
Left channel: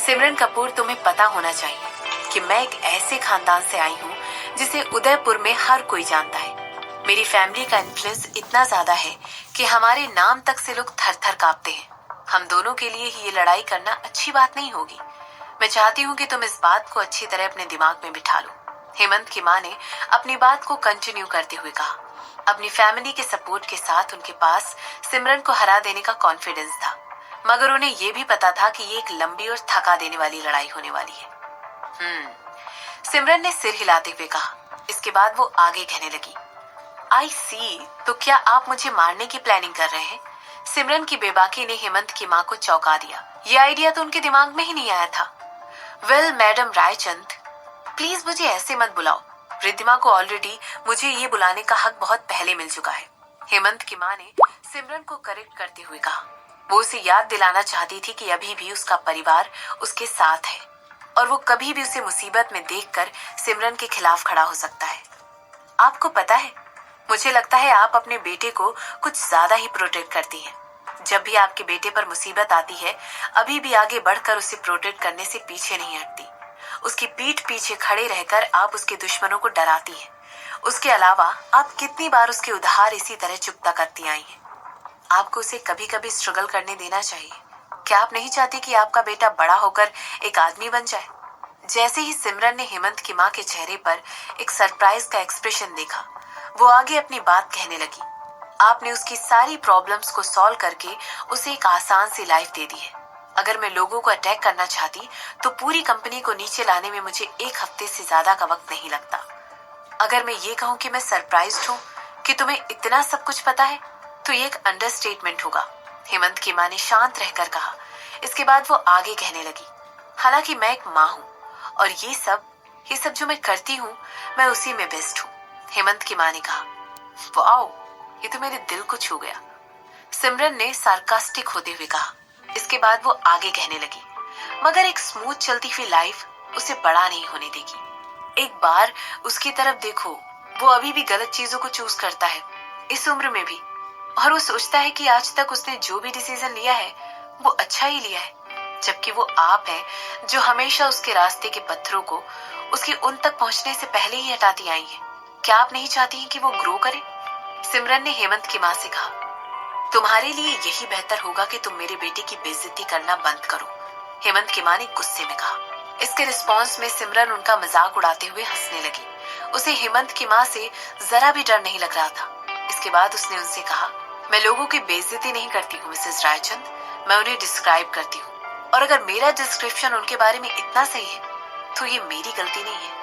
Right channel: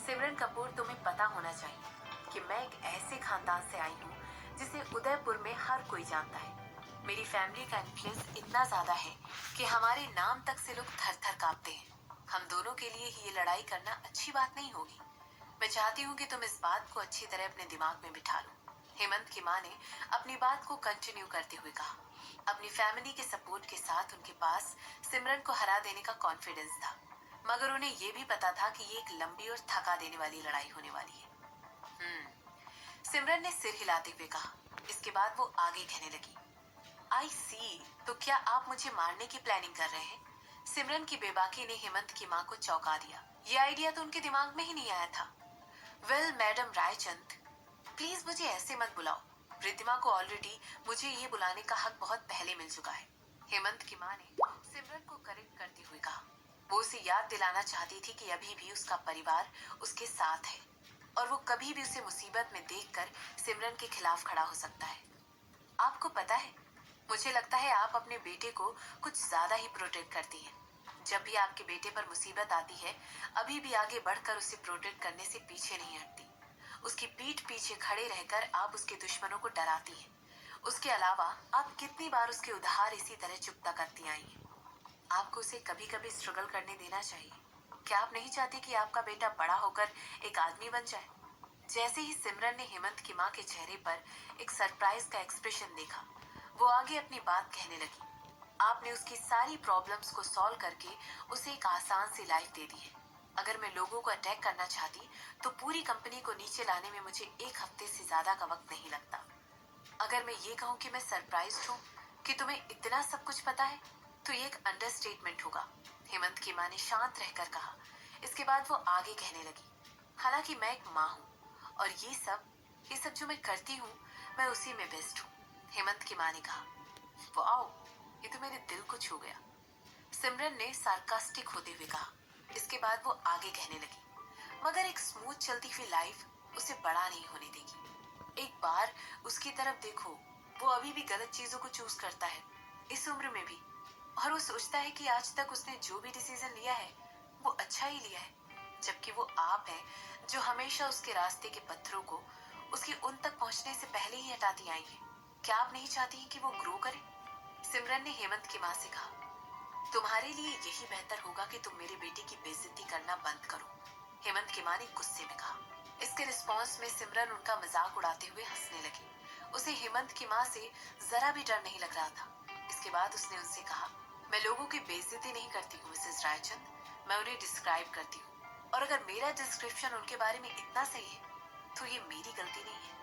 सिमरन कपूर, तुम्हें पता होना चाहिए कि मैं एक ऐसे खानदान से आई हूँ जिसे उदयपुर में हर कोई जानता है। मेरी फैमिली का इन्फ्लुएंस इतना ज्यादा है कि हमारे नाम तक से लोग थर थर कांपते हैं। हम दोनों के लिए ही ये लड़ाई करना अच्छी बात नहीं होगी। मैं चाहती हूँ कि तुम इस बात को अच्छी तरह अपने दिमाग में बिठा लो, हेमंत की माँ ने अपनी बात को कंटिन्यू करते हुए कहा। अपनी फैमिली के सपोर्ट के साथ उनके पास सिमरन को हरा देने का कॉन्फिडेंस था, मगर उन्हें ये भी पता था कि ये एक लंबी और थका देने वाली लड़ाई होने वाली है। सिमरन ने सिर हिलाते हुए कहा। इसके बाद वो आगे कहने लगी, आई सी, तो क्या आप मुझे मारने की प्लानिंग कर रहे हैं? सिमरन की बेबाकी ने हेमंत की माँ को चौंका दिया। ये आइडिया तो उनके दिमाग में ही नहीं आया था। वेल मैडम रायचंद, प्लीज मुझे ऐसे मत बुलाओ। रिद्धिमा को ऑलरेडी मुझे ये बुलाने का हक बहुत पहले मिल चुका है। हेमंत की माँ ने सिमरन को करेक्ट करते हुए कहा। वो उसे याद दिलाना चाहती थी कि अभी भी उसका परिवार उसके साथ है और वो कभी भी उसे मुसीबत में देखकर सिमरन के खिलाफ खड़ा हो सकता है। आपको पता है, मुझे लगता है आप अपने बेटे को कुछ ज्यादा ही प्रोटेक्ट करती हैं। जब भी आपके बेटे पर मुसीबत आती है, अभी भी आगे बढ़कर उसे प्रोटेक्ट करने से पीछे नहीं हटती। उसकी पीठ पीछे खड़े रहकर आप उसके दुश्मनों को डराती हैं। उसके अलावा आप कितनी बार उसके उधार इसी तरह चुकता करती आई हैं। आपको उसे कभी कभी स्ट्रगल करने देना चाहिए। क्या आप नहीं चाहती कि आपका बेटा बड़ा होकर एक आदमी बन जाए? जैसे ही सिमरन ने हेमंत की माँ के चेहरे पर एक सरप्राइज का एक्सप्रेशन देखा, वो आगे अपनी बात कहने लगी। आपने उसकी सारी प्रॉब्लम्स को सॉल्व करके उसे एक आसान सी लाइफ दे दी है। अगर मैं लोगों को अटैक करना चाहती तो पूरी कंपनी को नीचे लाने में मुझे 1 हफ्ते से ज्यादा का वक्त नहीं लगता। अगर मैं ये कहूँ कि मैं सरप्राइज्ड हूँ कि तुम्हें इतना सब कुछ पता है, तो ये एक अंडरस्टेटमेंट होगा। हेमंत की माँ ने शांत रहकर कहा। इसके बाद वो आगे कहने लगी, हालांकि मैं एक माँ हूँ और ये सब जो मैं करती हूँ, मैं उसी में बेस्ट हूँ। हेमंत की माँ ने कहा। वाओ, ये तो मेरे दिल को छू गया, सिमरन ने सार्कास्टिक होते हुए कहा। इसके बाद वो आगे कहने लगी, मगर एक स्मूथ चलती हुई लाइफ उसे बड़ा नहीं होने देगी। एक बार उसकी तरफ देखो, वो अभी भी गलत चीजों को चूज करता है, इस उम्र में भी। और वो सोचता है कि आज तक उसने जो भी डिसीजन लिया है वो अच्छा ही लिया है, जबकि वो आप हैं जो हमेशा उसके रास्ते के पत्थरों को उसके उन तक पहुंचने से पहले ही हटाती आई हैं। क्या आप नहीं चाहती हैं कि वो ग्रो करे? सिमरन ने हेमंत की माँ से कहा। तुम्हारे लिए यही बेहतर होगा कि तुम मेरे बेटे की बेइज्जती करना बंद करो, हेमंत की माँ ने गुस्से में कहा। इसके रिस्पॉन्स में सिमरन उनका मजाक उड़ाते हुए हंसने लगी। उसे हेमंत की माँ से जरा भी डर नहीं लग रहा था। इसके बाद उसने उनसे कहा, मैं लोगों की बेइज्जती नहीं करती हूँ मिसेस रायचंद, मैं उन्हें डिस्क्राइब करती हूँ। और अगर मेरा डिस्क्रिप्शन उनके बारे में इतना सही है तो ये मेरी गलती नहीं है।